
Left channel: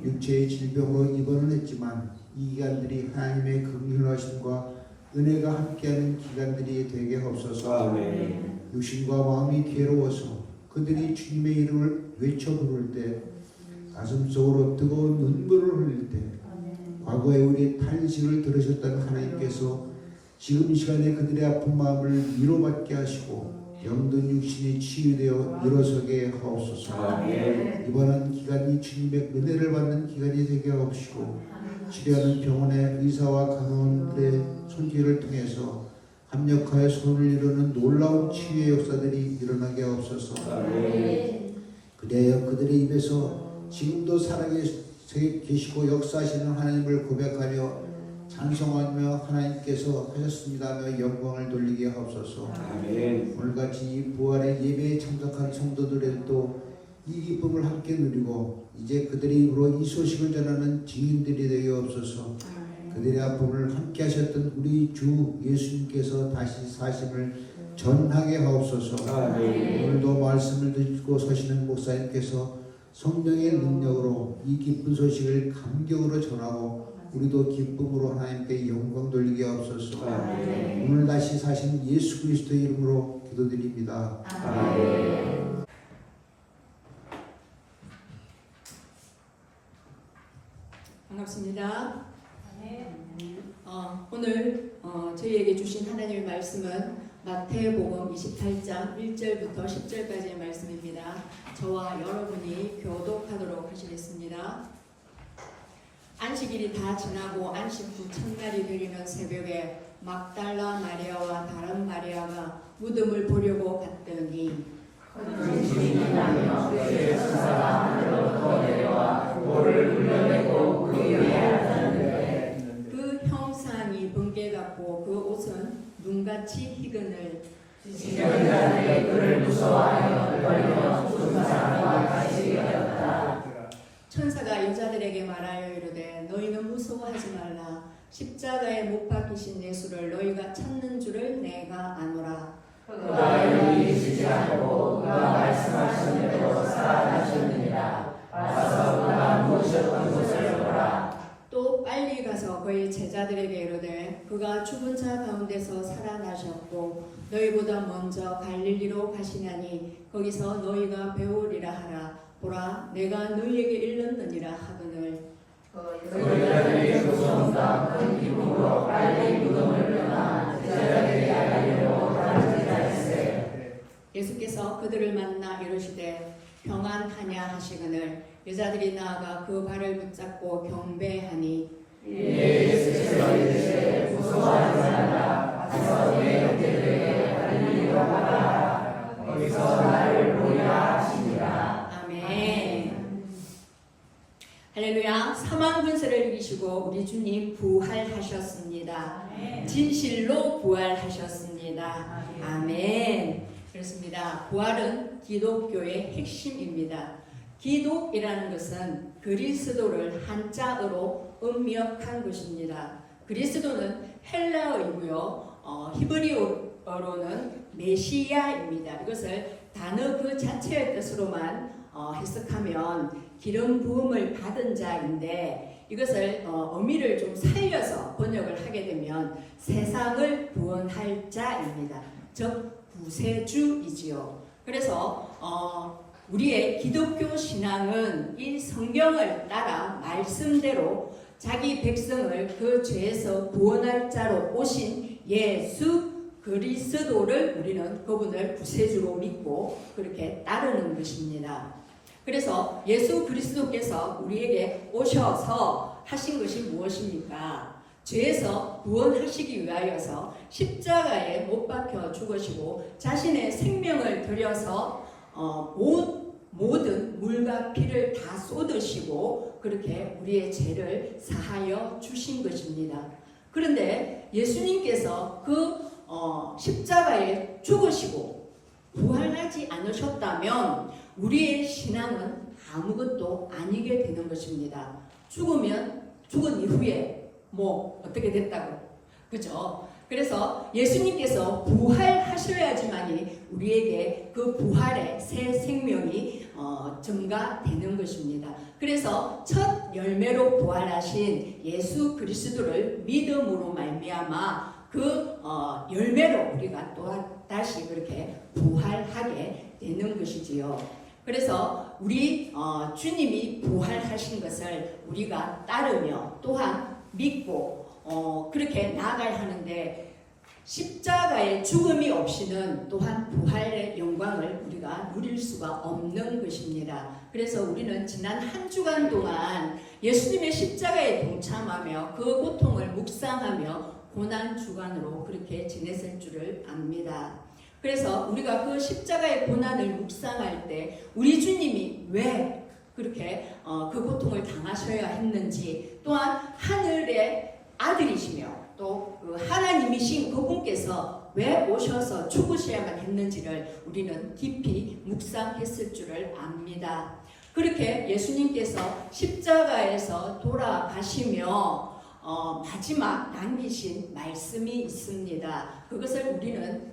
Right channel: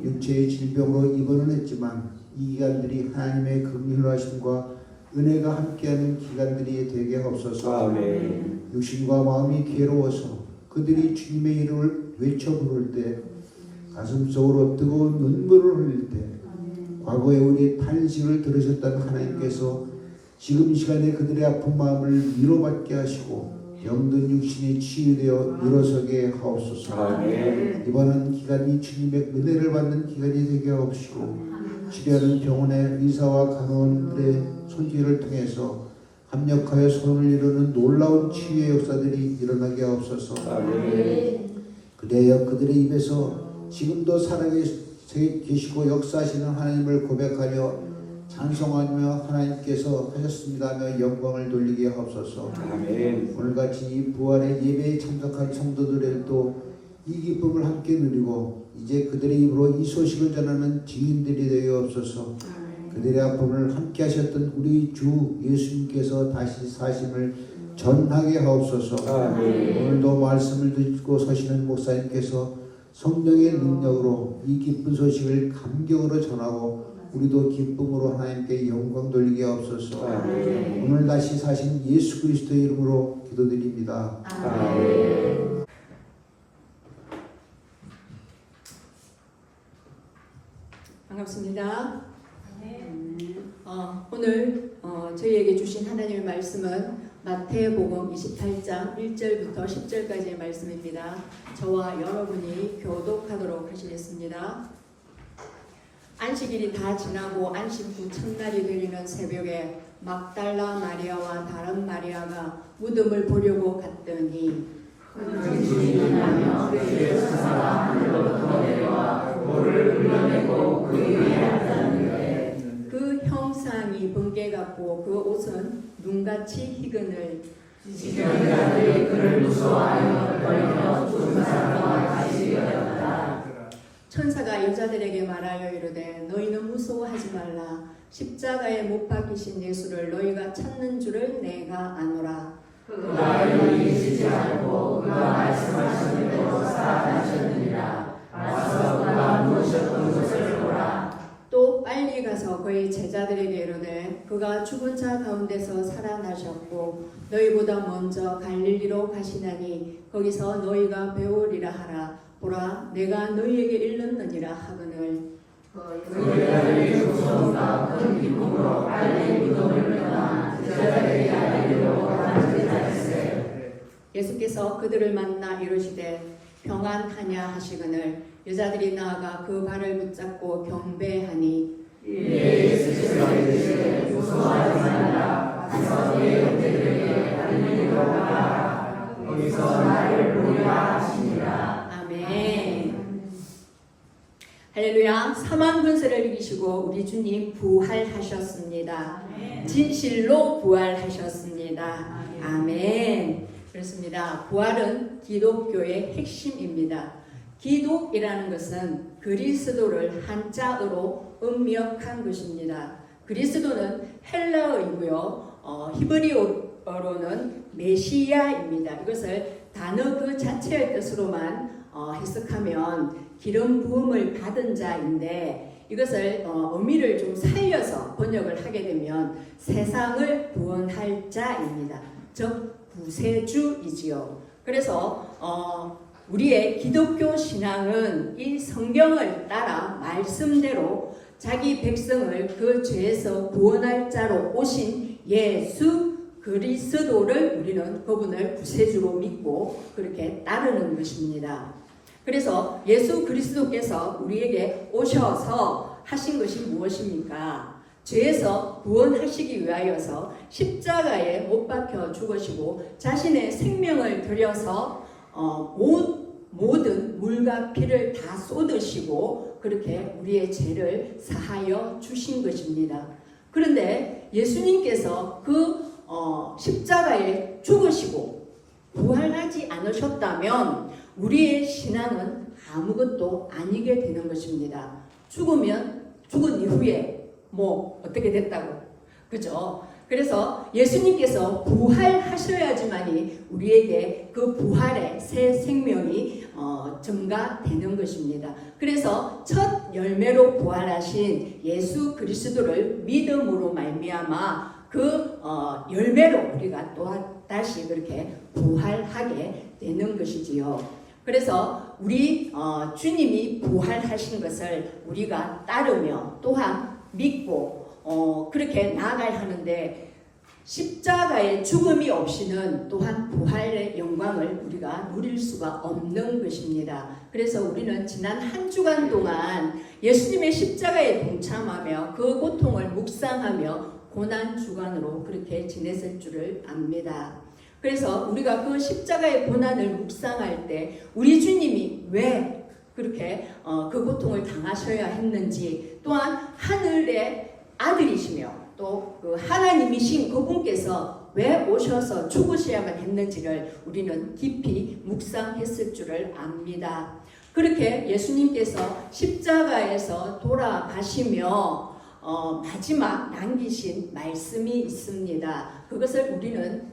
육체의 질병으로 입원은 했지만 이 기간들이 하나님의 긍휼하심과 은혜가 함께하는 기간들이 되게 하옵소서. 육신과 마음이 괴로워서 그들이 주님의 이름을 외쳐 부를 때 가슴속으로 뜨거운 눈물을 흘릴 때 과거에 우리의 탄식을 들으셨던 하나님께서 지금 시간에 그들의 아픈 마음을 위로받게 하시고 병든 육신이 치유되어 일어서게 하옵소서. 이번은 기간이 주님의 은혜를 받는 기간이 되게 하옵시고 치료하는 병원의 의사와 간호원들의 소지를 통해서 합력하여 손을 이루는 놀라운 치유의 역사들이 일어나게 하옵소서. 그래야 그들의 입에서 지금도 살아계시고 역사하시는 하나님을 고백하려 찬송하며 하나님께서 하셨습니다며 영광을 돌리게 하옵소서. 아멘. 오늘같이 이 부활의 예배에 참석한 성도들에도 이 기쁨을 함께 누리고 이제 그들의 입으로 이 소식을 전하는 증인들이 되게 없어서 그들의 아픔을 함께 하셨던 우리 주 예수님께서 다시 사심을 전하게 하옵소서. 아멘. 오늘도 말씀을 듣고 서시는 목사님께서 성령의 능력으로 이 기쁜 소식을 감격으로 전하고 우리도 기쁨으로 하나님께 영광 돌리게 하옵소서. 아멘. 오늘 다시 사신 예수 그리스도의 이름으로 기도드립니다. 아멘. 반갑습니다. 오늘 저희에게 주신 하나님의 말씀은 마태복음 28장 1절부터 10절까지의 말씀입니다. 저와 여러분이 교독하도록 하시겠습니다. 안식일이 다 지나고 안식 후 첫날이 되리는 새벽에 막달라 마리아와 다른 마리아가 무덤을 보려고 갔더니 주님이 나며 그의 천사가 하늘로부터 내려와 돌을 흘려내고 그 위에 앉았는데 그 형상이 번개 같고 그 옷은 눈같이 희근을 지켜는 자들이 그를 무서워하여 떨며 죽은 사람과 같이 여겼다. 천사가 여자들에게 말하여 이르되 너희는 무서워하지 말라. 십자가에 못 박히신 예수를 너희가 찾는 줄을 내가 아노라. 그가 여기 계시지 않고 그가 말씀하신 대로 살아나셨느니라. 와서 그가 누우셨던 곳을 보라. 또 빨리 가서 그의 제자들에게 이르되 그가 죽은 자 가운데서 살아나셨고 너희보다 먼저 갈릴리로 가시나니 거기서 너희가 배우리라 하라. 보라 내가 너희에게 일렀느니라 하거늘 그 여자들이 무서움과 큰 기쁨으로 빨리 무덤을 떠나 제자들에게 알리려고 가르치자였으되 예수께서 그들을 만나 이르시되 평안하냐 하시거늘 여자들이 나아가 그 발을 붙잡고 경배하니 예수께서 이르시되 무서워하지 말라. 가서 너희 형제들에게 알리려고 하라. 거기서 나를 보리라 하시니라. 아멘. 할렐루야. 사망 군세를 이기시고 우리 주님 부활하셨습니다. 진실로 부활하셨습니다. 아멘. 그렇습니다. 부활은 기독교의 핵심입니다. 기독이라는 것은 그리스도를 한자어로 음역한 것입니다. 그리스도는 헬라어이고요. 히브리어로는 메시아입니다. 이것을 단어 그 자체의 뜻으로만 해석하면 기름 부음을 받은 자인데 이것을 의미를 좀 살려서 번역을 하게 되면 세상을 구원할 자입니다. 즉 구세주이지요. 그래서 우리의 기독교 신앙은 이 성경을 따라 말씀대로 자기 백성을 그 죄에서 구원할 자로 오신 예수 그리스도를 우리는 그분을 구세주로 믿고 그렇게 따르는 것입니다. 그래서 예수 그리스도께서 우리에게 오셔서 하신 것이 무엇입니까? 죄에서 구원하시기 위하여서 십자가에 못 박혀 죽으시고 자신의 생명을 들여서 모든 물과 피를 다 쏟으시고 그렇게 우리의 죄를 사하여 주신 것입니다. 그런데 예수님께서 그 십자가에 죽으시고 부활하지 않으셨다면 우리의 신앙은 아무것도 아니게 되는 것입니다. 죽은 이후에 어떻게 됐다고, 그죠? 그래서 예수님께서 부활하셔야지만이 우리에게 그 부활의 새 생명이 증가되는 것입니다. 그래서 첫 열매로 부활하신 예수 그리스도를 믿음으로 말미암아 그 열매로 우리가 또 다시 그렇게 부활하게 되는 것이지요. 그래서 우리 주님이 부활하신 것을 우리가 따르며 또한 믿고 그렇게 나아가야 하는데 십자가의 죽음이 없이는 또한 부활의 영광을 우리가 누릴 수가 없는 것입니다. 그래서 우리는 지난 한 주간 동안 예수님의 십자가에 동참하며 그 고통을 묵상하며 고난 주간으로 그렇게 지냈을 줄을 압니다. 그래서 우리가 그 십자가의 고난을 묵상할 때 우리 주님이 왜 그렇게 그 고통을 당하셔야 했는지, 또한 하늘의 아들이시며 또 그 하나님이신 그분께서 왜 오셔서 죽으셔야만 했는지를 우리는 깊이 묵상했을 줄을 압니다. 그렇게 예수님께서 십자가에서 돌아가시며 마지막 남기신 말씀이 있습니다. 그것을 우리는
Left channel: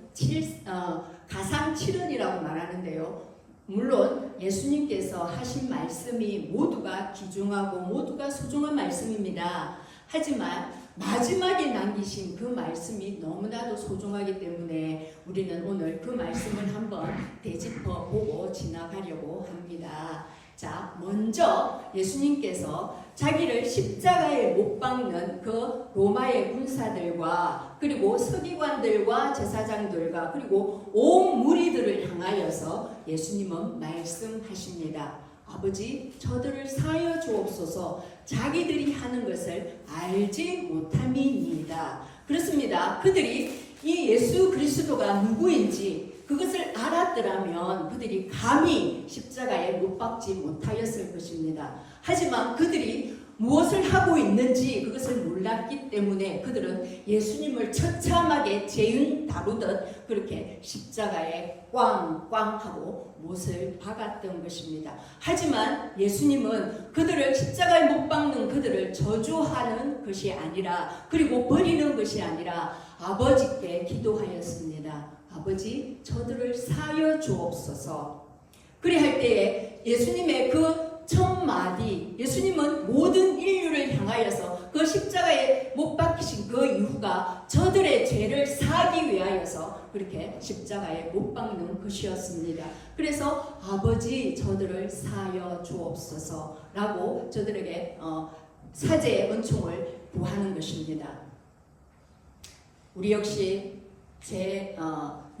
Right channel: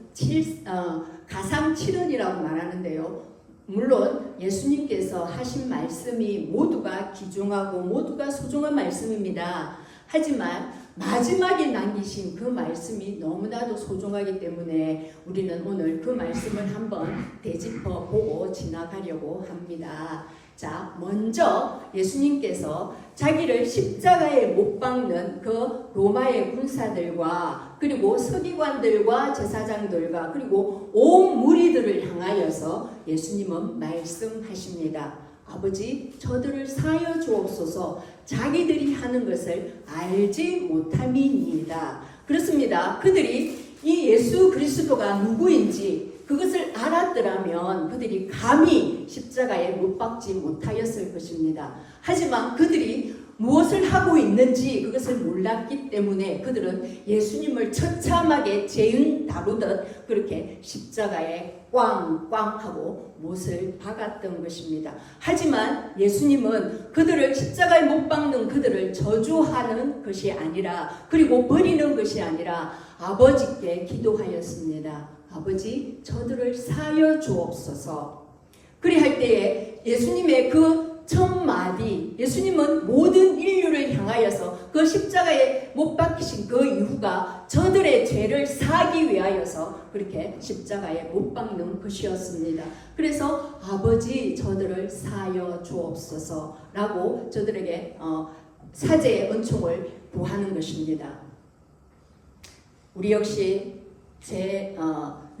가상 7언이라고 말하는데요. 물론 예수님께서 하신 말씀이 모두가 귀중하고 모두가 소중한 말씀입니다. 하지만 마지막에 남기신 그 말씀이 너무나도 소중하기 때문에 우리는 오늘 그 말씀을 한번 되짚어 보고 지나가려고 합니다. 자, 먼저 예수님께서 자기를 십자가에 못 박는 그 로마의 군사들과 그리고 서기관들과 제사장들과 그리고 온 무리들을 향하여서 예수님은 말씀하십니다. 아버지, 저들을 사하여 주옵소서. 자기들이 하는 것을 알지 못함이니이다. 그렇습니다. 그들이 이 예수 그리스도가 누구인지 그것을 알았더라면 그들이 감히 십자가에 못 박지 못하였을 것입니다. 하지만 그들이 무엇을 하고 있는지 그것을 몰랐기 때문에 그들은 예수님을 처참하게 죄인 다루듯 그렇게 십자가에 꽝꽝 하고 못을 박았던 것입니다. 하지만 예수님은 그들을 십자가에 못 박는 그들을 저주하는 것이 아니라, 그리고 버리는 것이 아니라 아버지께 기도하였습니다. 아버지, 저들을 사하여 주옵소서. 그리할 때에 예수님의 그 첫 마디, 예수님은 모든 인류를 향하여서 그 십자가에 못 박히신 그 이유가 저들의 죄를 사하기 위하여서 그렇게 십자가에 못 박는 것이었습니다. 그래서 아버지, 저들을 사하여 주옵소서라고 저들에게 사죄의 은총을 구하는 것입니다. 우리 역시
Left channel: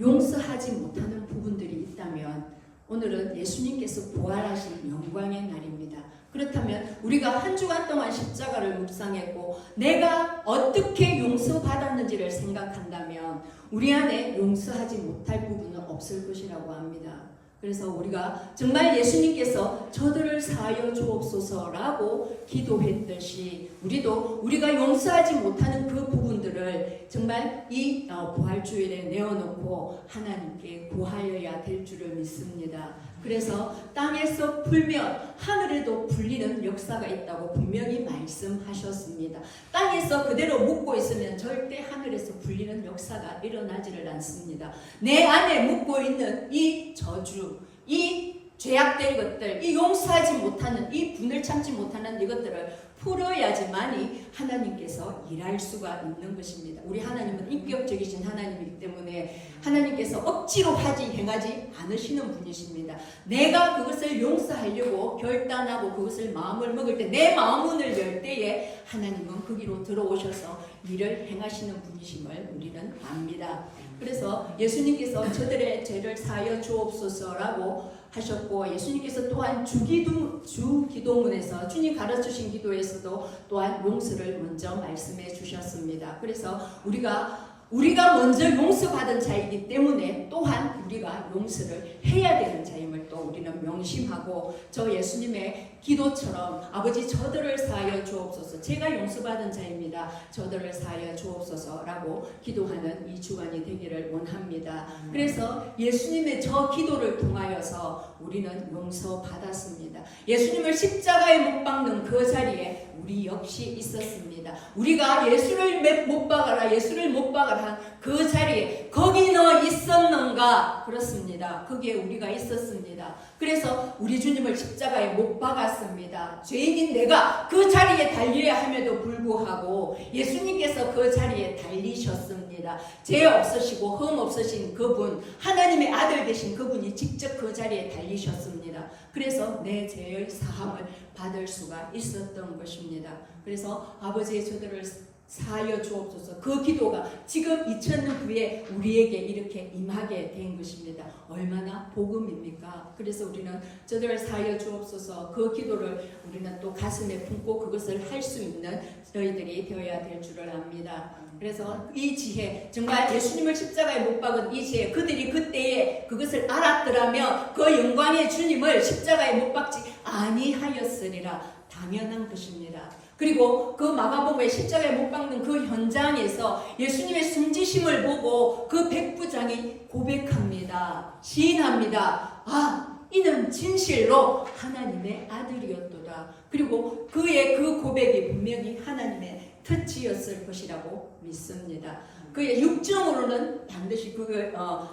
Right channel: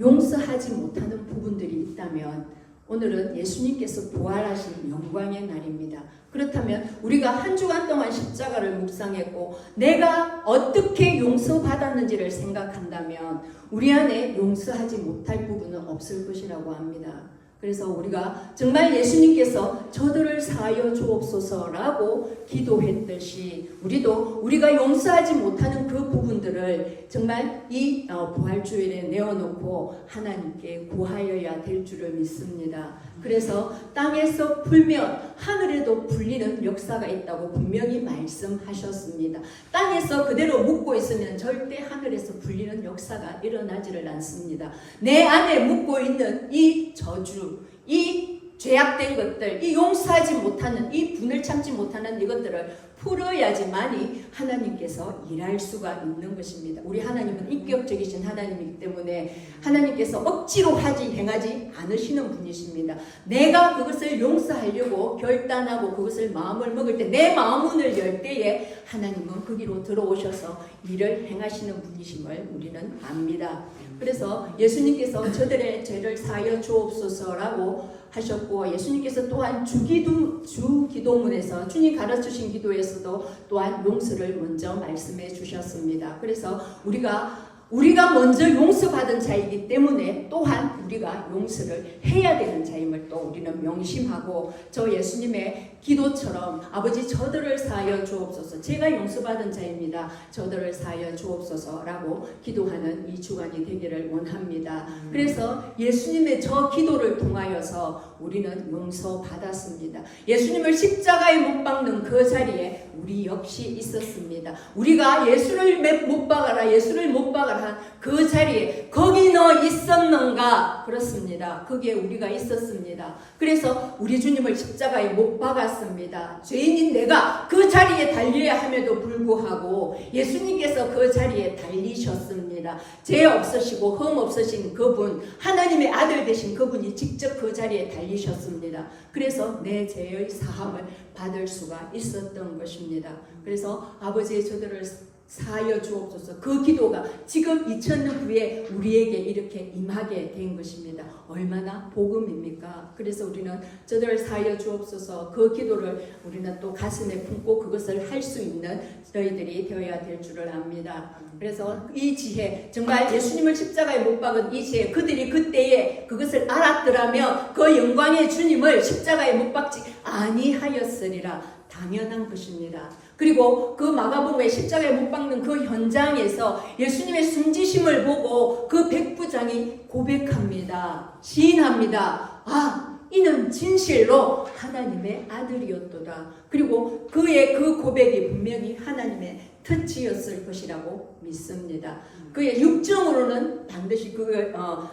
용서하지 못하는 부분들이 있다면 오늘은 예수님께서 부활하신 영광의 날입니다. 그렇다면 우리가 한 주간 동안 십자가를 묵상했고 내가 어떻게 용서받았는지를 생각한다면 우리 안에 용서하지 못할 부분은 없을 것이라고 합니다. 그래서 우리가 정말 예수님께서 저들을 사하여 주옵소서라고 기도했듯이 우리도 우리가 용서하지 못하는 그 부분들을 정말 이 부활주일에 내어놓고 하나님께 구하여야 될 줄을 믿습니다. 그래서 땅에서 풀면 하늘에도 풀리는 역사가 있다고 분명히 말씀하셨습니다. 땅에서 그대로 묵고 있으면 절대 하늘에서 풀리는 역사가 일어나지를 않습니다. 내 안에 묵고 있는 이 저주, 이 죄악된 것들, 이 용서하지 못하는, 이 분을 참지 못하는 이것들을 풀어야지만이 하나님께서 일할 수가 있는 것입니다. 우리 하나님은 인격적이신 하나님이기 때문에 하나님께서 억지로 행하지 않으시는 분이십니다. 내가 그것을 용서하려고 결단하고 그것을 마음을 먹을 때, 내 마음문을 열 때에 하나님은 거기로 들어오셔서 일을 행하시는 분이심을 우리는 압니다. 그래서 예수님께서 저들의 죄를 사하여 주옵소서라고 하셨고, 예수님께서 또한 주기도문에서 주님 가르치신 기도에서도 또한 용서를 먼저 말씀해 주셨습니다. 그래서 우리가 먼저 용서받은 자이기 때문에 또한 우리가 용서를 해야 되는 자임을 또 우리는 명심하고, 저 예수님의 기도처럼 아버지, 저들을 사하여 주옵소서, 제가 용서받은 자입니다, 저들을 사하여 주옵소서라고 기도하는 이 주간이 되기를 원합니다. 그래서 예수님의 저 기도를 통하여서 우리는 용서받았습니다. 예수님을 십자가에 못 박는 그 자리에 우리 역시 있었습니다. 우리가 예수를 못 박아라, 예수를 못 박아라 한 그 자리에 거기 너 있었는가? 그렇습니다. 거기에 우리가 있었습니다. 그래서 우리 주님을 십자가에 못 박았습니다. 죄인인 내가 그 자리에 달려야 함에도 불구하고 예수님께서 그 자리에 달리셨습니다. 죄 없으시고 흠 없으신 그분, 하나님의 아들 되신 그분이 직접 그 자리에 달리셨습니다. 그래서 내 죄의 사함을 받을 수가 있었던 것입니다. 그래서 아버지, 저들을 사하여 주옵소서, 그 기도가 지금 2000년 후에 우리에게 이렇게 임하게 된 것입니다. 얼마나 복음입니까? 그래서 우리는 저들을 사하여 주옵소서, 그 기도를 우리는 또 가슴에 품고 그것을 할 수 있는 저희들이 되어야 될 줄을 압니다. 그래서 이 지혜, 정말 예수님을 십자가에 못 박은 이 지혜, 그들이 그때에 그것을 알았더라면 그 영광의 주님을 십자가에 못 박지 아니하였으리라. 당연한 것입니다. 그리고 그 마가복음에 십자가에 못 박는 그 현장에서 예수님의 숨지심을 보고 그 백부장이 고백합니다. 시인합니다. 아, 이는 진실로 하나님의 아들이었도다. 그리고 그의 그 고백이 분명히 하나님의 터치였을 것이라고 믿습니다. 그의 육정으로는 반드시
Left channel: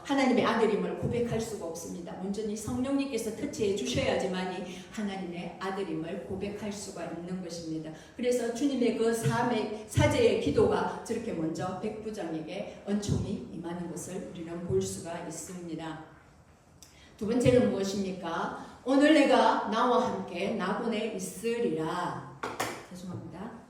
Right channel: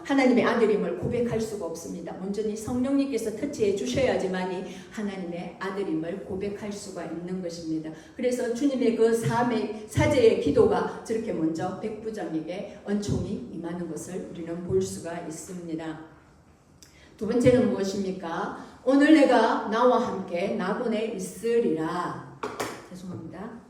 하나님의 아들임을 고백할 수가 없습니다. 온전히 성령님께서 터치해 주셔야지만이 하나님의 아들임을 고백할 수가 있는 것입니다. 그래서 주님의 그 사제의 기도가 저렇게 먼저 백부장에게 은총이 임하는 것을 우리는 볼 수가 있습니다. 두 번째는 무엇입니까? 오늘 내가 나와 함께 나곤에 있으리라. 죄송합니다.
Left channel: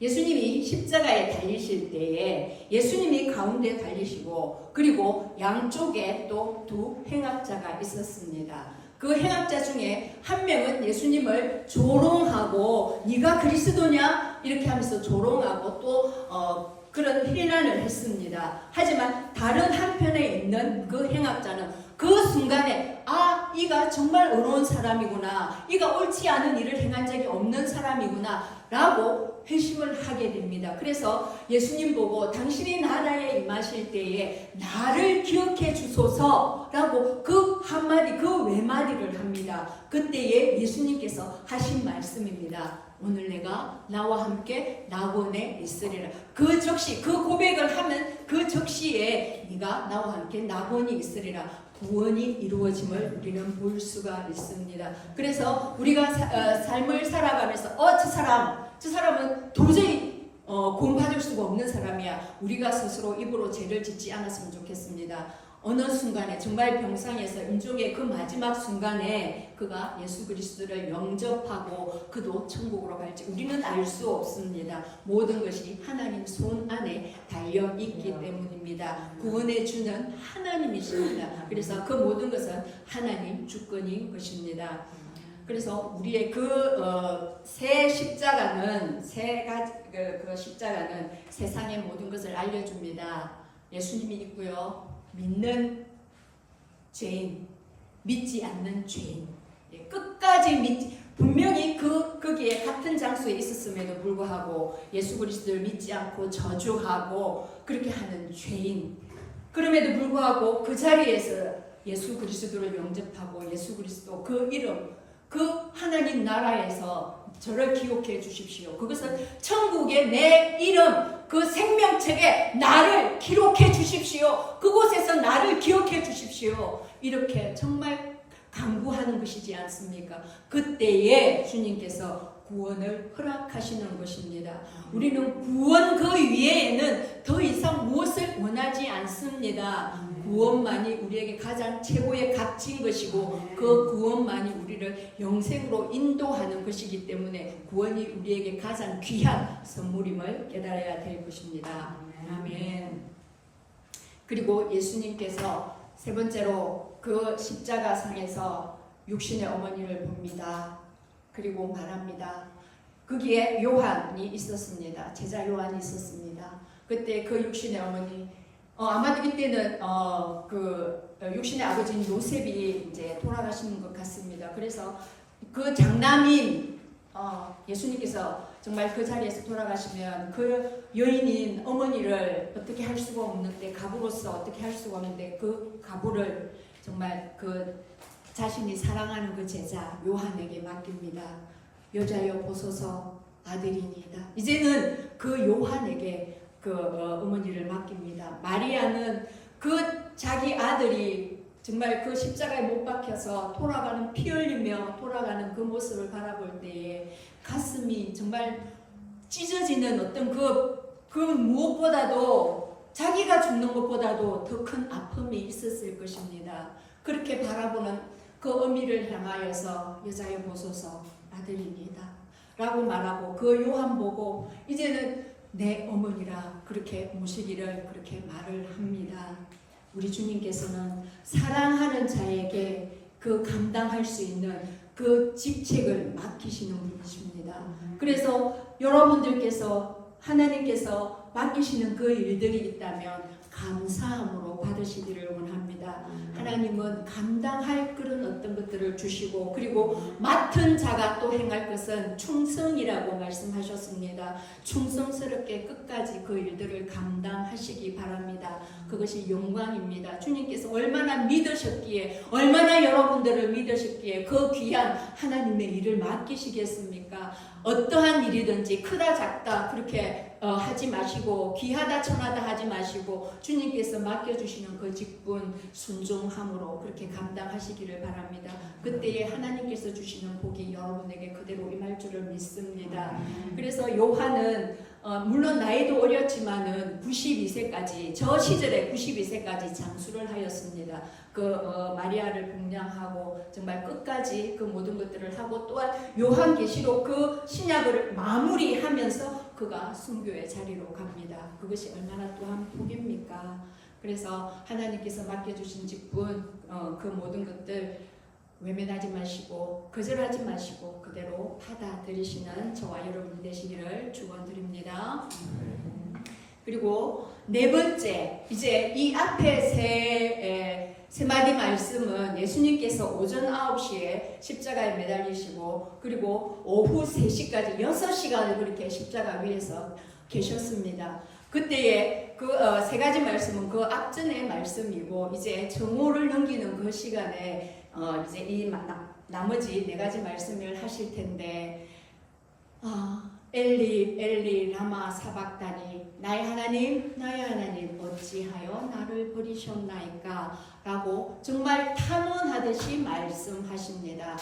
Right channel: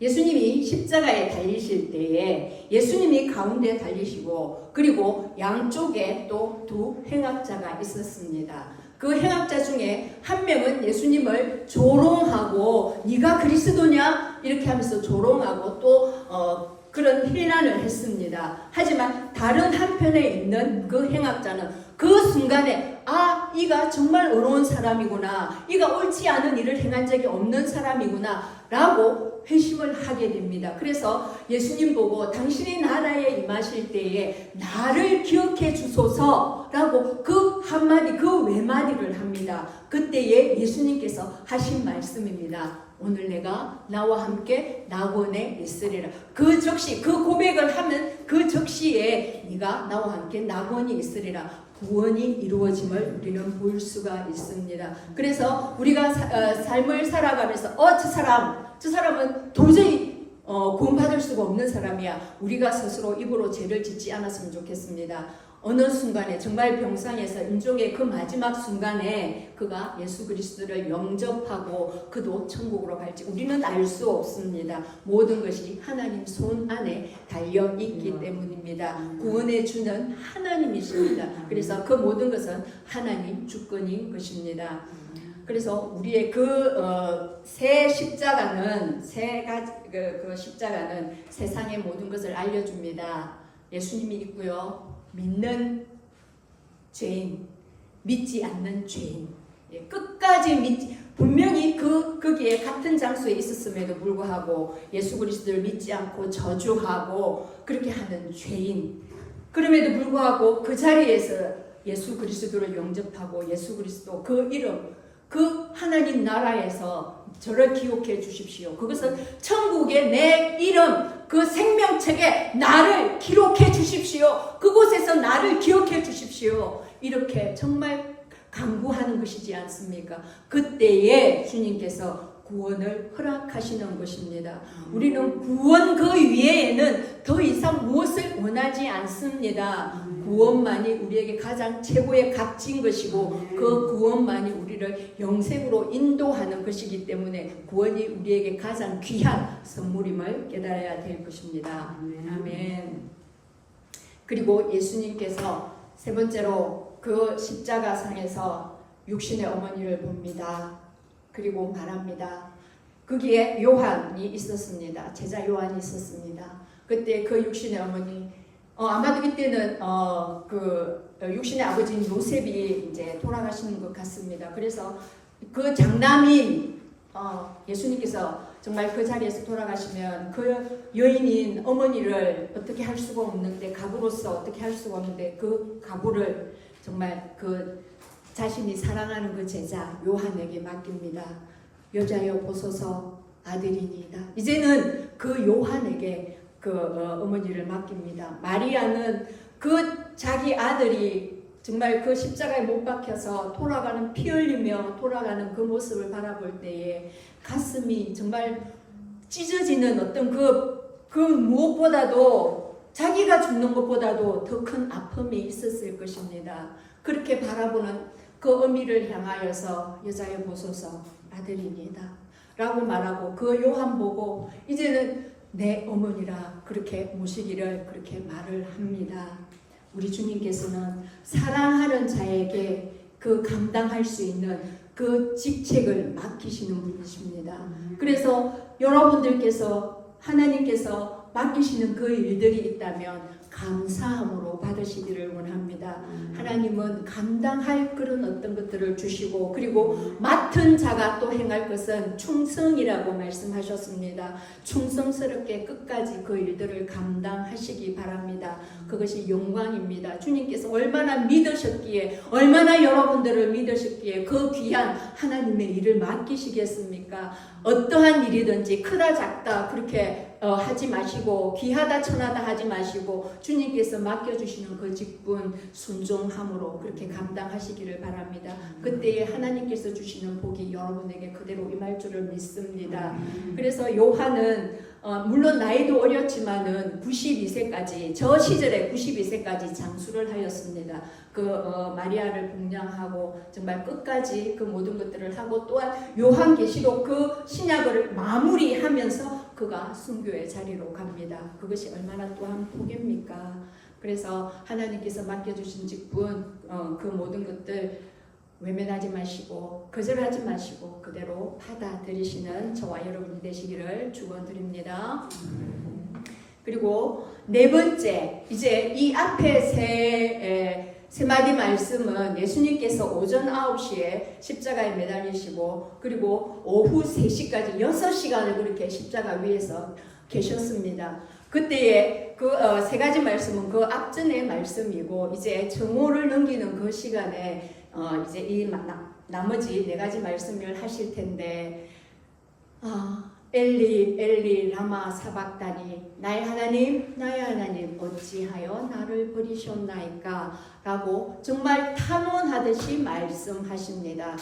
예수님이 십자가에 달리실 때에 예수님이 가운데 달리시고 그리고 양쪽에 또 두 행악자가 있었습니다. 그 행악자 중에 한 명은 예수님을 조롱하고 네가 그리스도냐 이렇게 하면서 조롱하고 또 그런 해난을 했습니다. 하지만 다른 한편에 있는 그 행악자는 그 순간에 아, 이가 정말 의로운 사람이구나, 이가 옳지 않은 일을 행한 적이 없는 사람이구나 라고 회심을 하게 됩니다. 그래서 예수님 보고 당신이 나라에 임하실 때에 나를 기억해 주소서라고 그 한마디, 그 외마디를 합니다. 그때에 예수님께서 하신 말씀입니다. 오늘 내가 나와 함께 나곤에 있으리라. 그 적시, 그 고백을 하면 그 적시에 네가 나와 함께 나곤이 있으리라. 구원이 이루어짐을 우리는 볼 수가 있습니다. 그래서 우리가 삶을 살아가면서 저 사람은 도저히 구원받을 수가 없는 사람이야. 우리가 스스로 입으로 죄를 짓지 않았으면 좋겠습니다. 어느 순간에 정말 병상에서 임종의 그 마지막 순간에 그가 예수 그리스도를 영접하고 그도 천국으로 갈지 우리는 알 수 없습니다. 모든 것이 하나님 손 안에 달려 있기 때문입니다. 구원해 주는 하나님이십니다. 그래서 그 모든 것은 하나님 주권인 것입니다. 그래서 우리의 새 십자가는 그 십자가는 세상의 모든 것을 알려줍니다. 예수님이 있고요. 믿는 죄인, 믿지 않는 죄인, 끝까지 분명히 거기에 같은 장소에 있었음에도 불구하고 예수 그리스도를 믿지 않고 저주하고 그렇게 하는 죄인, 그럼에도 불구하고 그 자리에서 예수 그리스도를 영접하고 예수 그리스도 그 이름, 그 하나님 나라에서 저를 기억해 주십시오. 그것은 천국의 내 이름, 그 생명책에 나를 기록해 주십시오. 그곳에서 나를 기억해 주십시오. 이렇게 정말 간구하는 것이지 않습니까? 그때에 주님께서 구원을 허락하시는 것입니다. 우리는 구원 그 위에는 더 이상 무엇을 원하지 않습니다. 구원만이 우리에게 가장 최고의 값진 것이고 그 구원만이 우리를 영생으로 인도하는 것이기 때문에 구원이 우리에게 가장 귀한 선물임을 깨달아야 될 것입니다. 아멘. 그리고 예수님께서 세 번째로 그 십자가상에서 육신의 어머니를 봅니다. 그리고 말합니다. 거기에 요한이 있었습니다. 제자 요한이 있었습니다. 그때 그 육신의 어머니, 아마도 이때는 그 육신의 아버지인 요셉이 이제 돌아가시는 것 같습니다. 그래서 그 장남인 예수님께서 정말 그 자리에서 돌아가시면 그 여인인 어머니를 어떻게 할 수가 없는데, 가부로서 어떻게 할 수가 없는데 그 가부를 정말 그 자신이 사랑하는 그 제자 요한에게 맡깁니다. 여자여 보소서 아들이니이다. 이제는 그 요한에게 그 어머니를 맡깁니다. 마리아는 그 자기 아들이 정말 그 십자가에 못 박혀서 돌아가는, 피 흘리며 돌아가는 그 모습을 바라볼 때에 가슴이 정말 찢어지는 어떤 그 무엇보다도, 자기가 죽는 것보다도 더 큰 아픔이 있었을 것입니다. 그렇게 바라보는 그 어미를 향하여서 여자여 보소서 아들이니이다 라고 말하고, 그 요한 보고 이제는 내 어머니라 그렇게 모시기를 그렇게 말을 합니다. 우리 주님께서는 사랑하는 자에게 그 감당할 수 있는 그 직책을 맡기시는 분이십니다. 그래서 여러분들께서 하나님께서 맡기시는 그 일들이 있다면 감사함으로 받으시기를 원합니다. 하나님은 감당할 그런 어떤 것들을 주시고 그리고 맡은 자가 또 행할 것은 충성이라고 말씀하셨습니다. 충성스럽게 끝까지 그 일들을 감당하시기 바랍니다. 그것이 영광입니다. 주님께서 얼마나 믿으셨기에 얼마나 여러분들을 믿으셨기에 그 귀한 하나님의 일을 맡기시겠습니까? 어떠한 일이든지 크다 작다 그렇게 하지 마시고 귀하다 천하다 하지 마시고 주님께서 맡겨주시는 그 직분 순종함으로 그렇게 감당하시기를 바랍니다. 그때에 하나님께서 주시는 복이 여러분에게 그대로 임할 줄을 믿습니다. 그래서 요한은 물론 나이도 어렸지만은 92세까지 저 시절에 92세까지 장수를 하였습니다. 마리아를 공양하고 정말 끝까지 그 모든 것들을 하고 또한 요한계시록 그 신약을 마무리하면서 그가 순교의 자리로 갑니다. 그것이 얼마나 또한 복입니까? 그래서 하나님께서 맡겨주신 직분 그 모든 것들 외면하지 마시고 거절하지 마시고 그대로 받아들이시는 저와 여러분이 되시기를 축원드립니다. 그리고 네 번째, 이제 이 앞에 세 마디 말씀은 예수님께서 오전 9시에 십자가에 매달리시고 그리고 오후 3시까지 6시간을 그렇게 십자가 위에서 계셨습니다. 그때의 그 세 가지 말씀은 그 앞전의 말씀이고 이제 정오를 넘기는 그 시간에 이제 이 나머지 네 가지 말씀을 하실 텐데 엘리 엘리 라마 사박다니 나의 하나님 어찌하여 나를 버리셨나이까 라고 정말 탄원하듯이 말씀하십니다.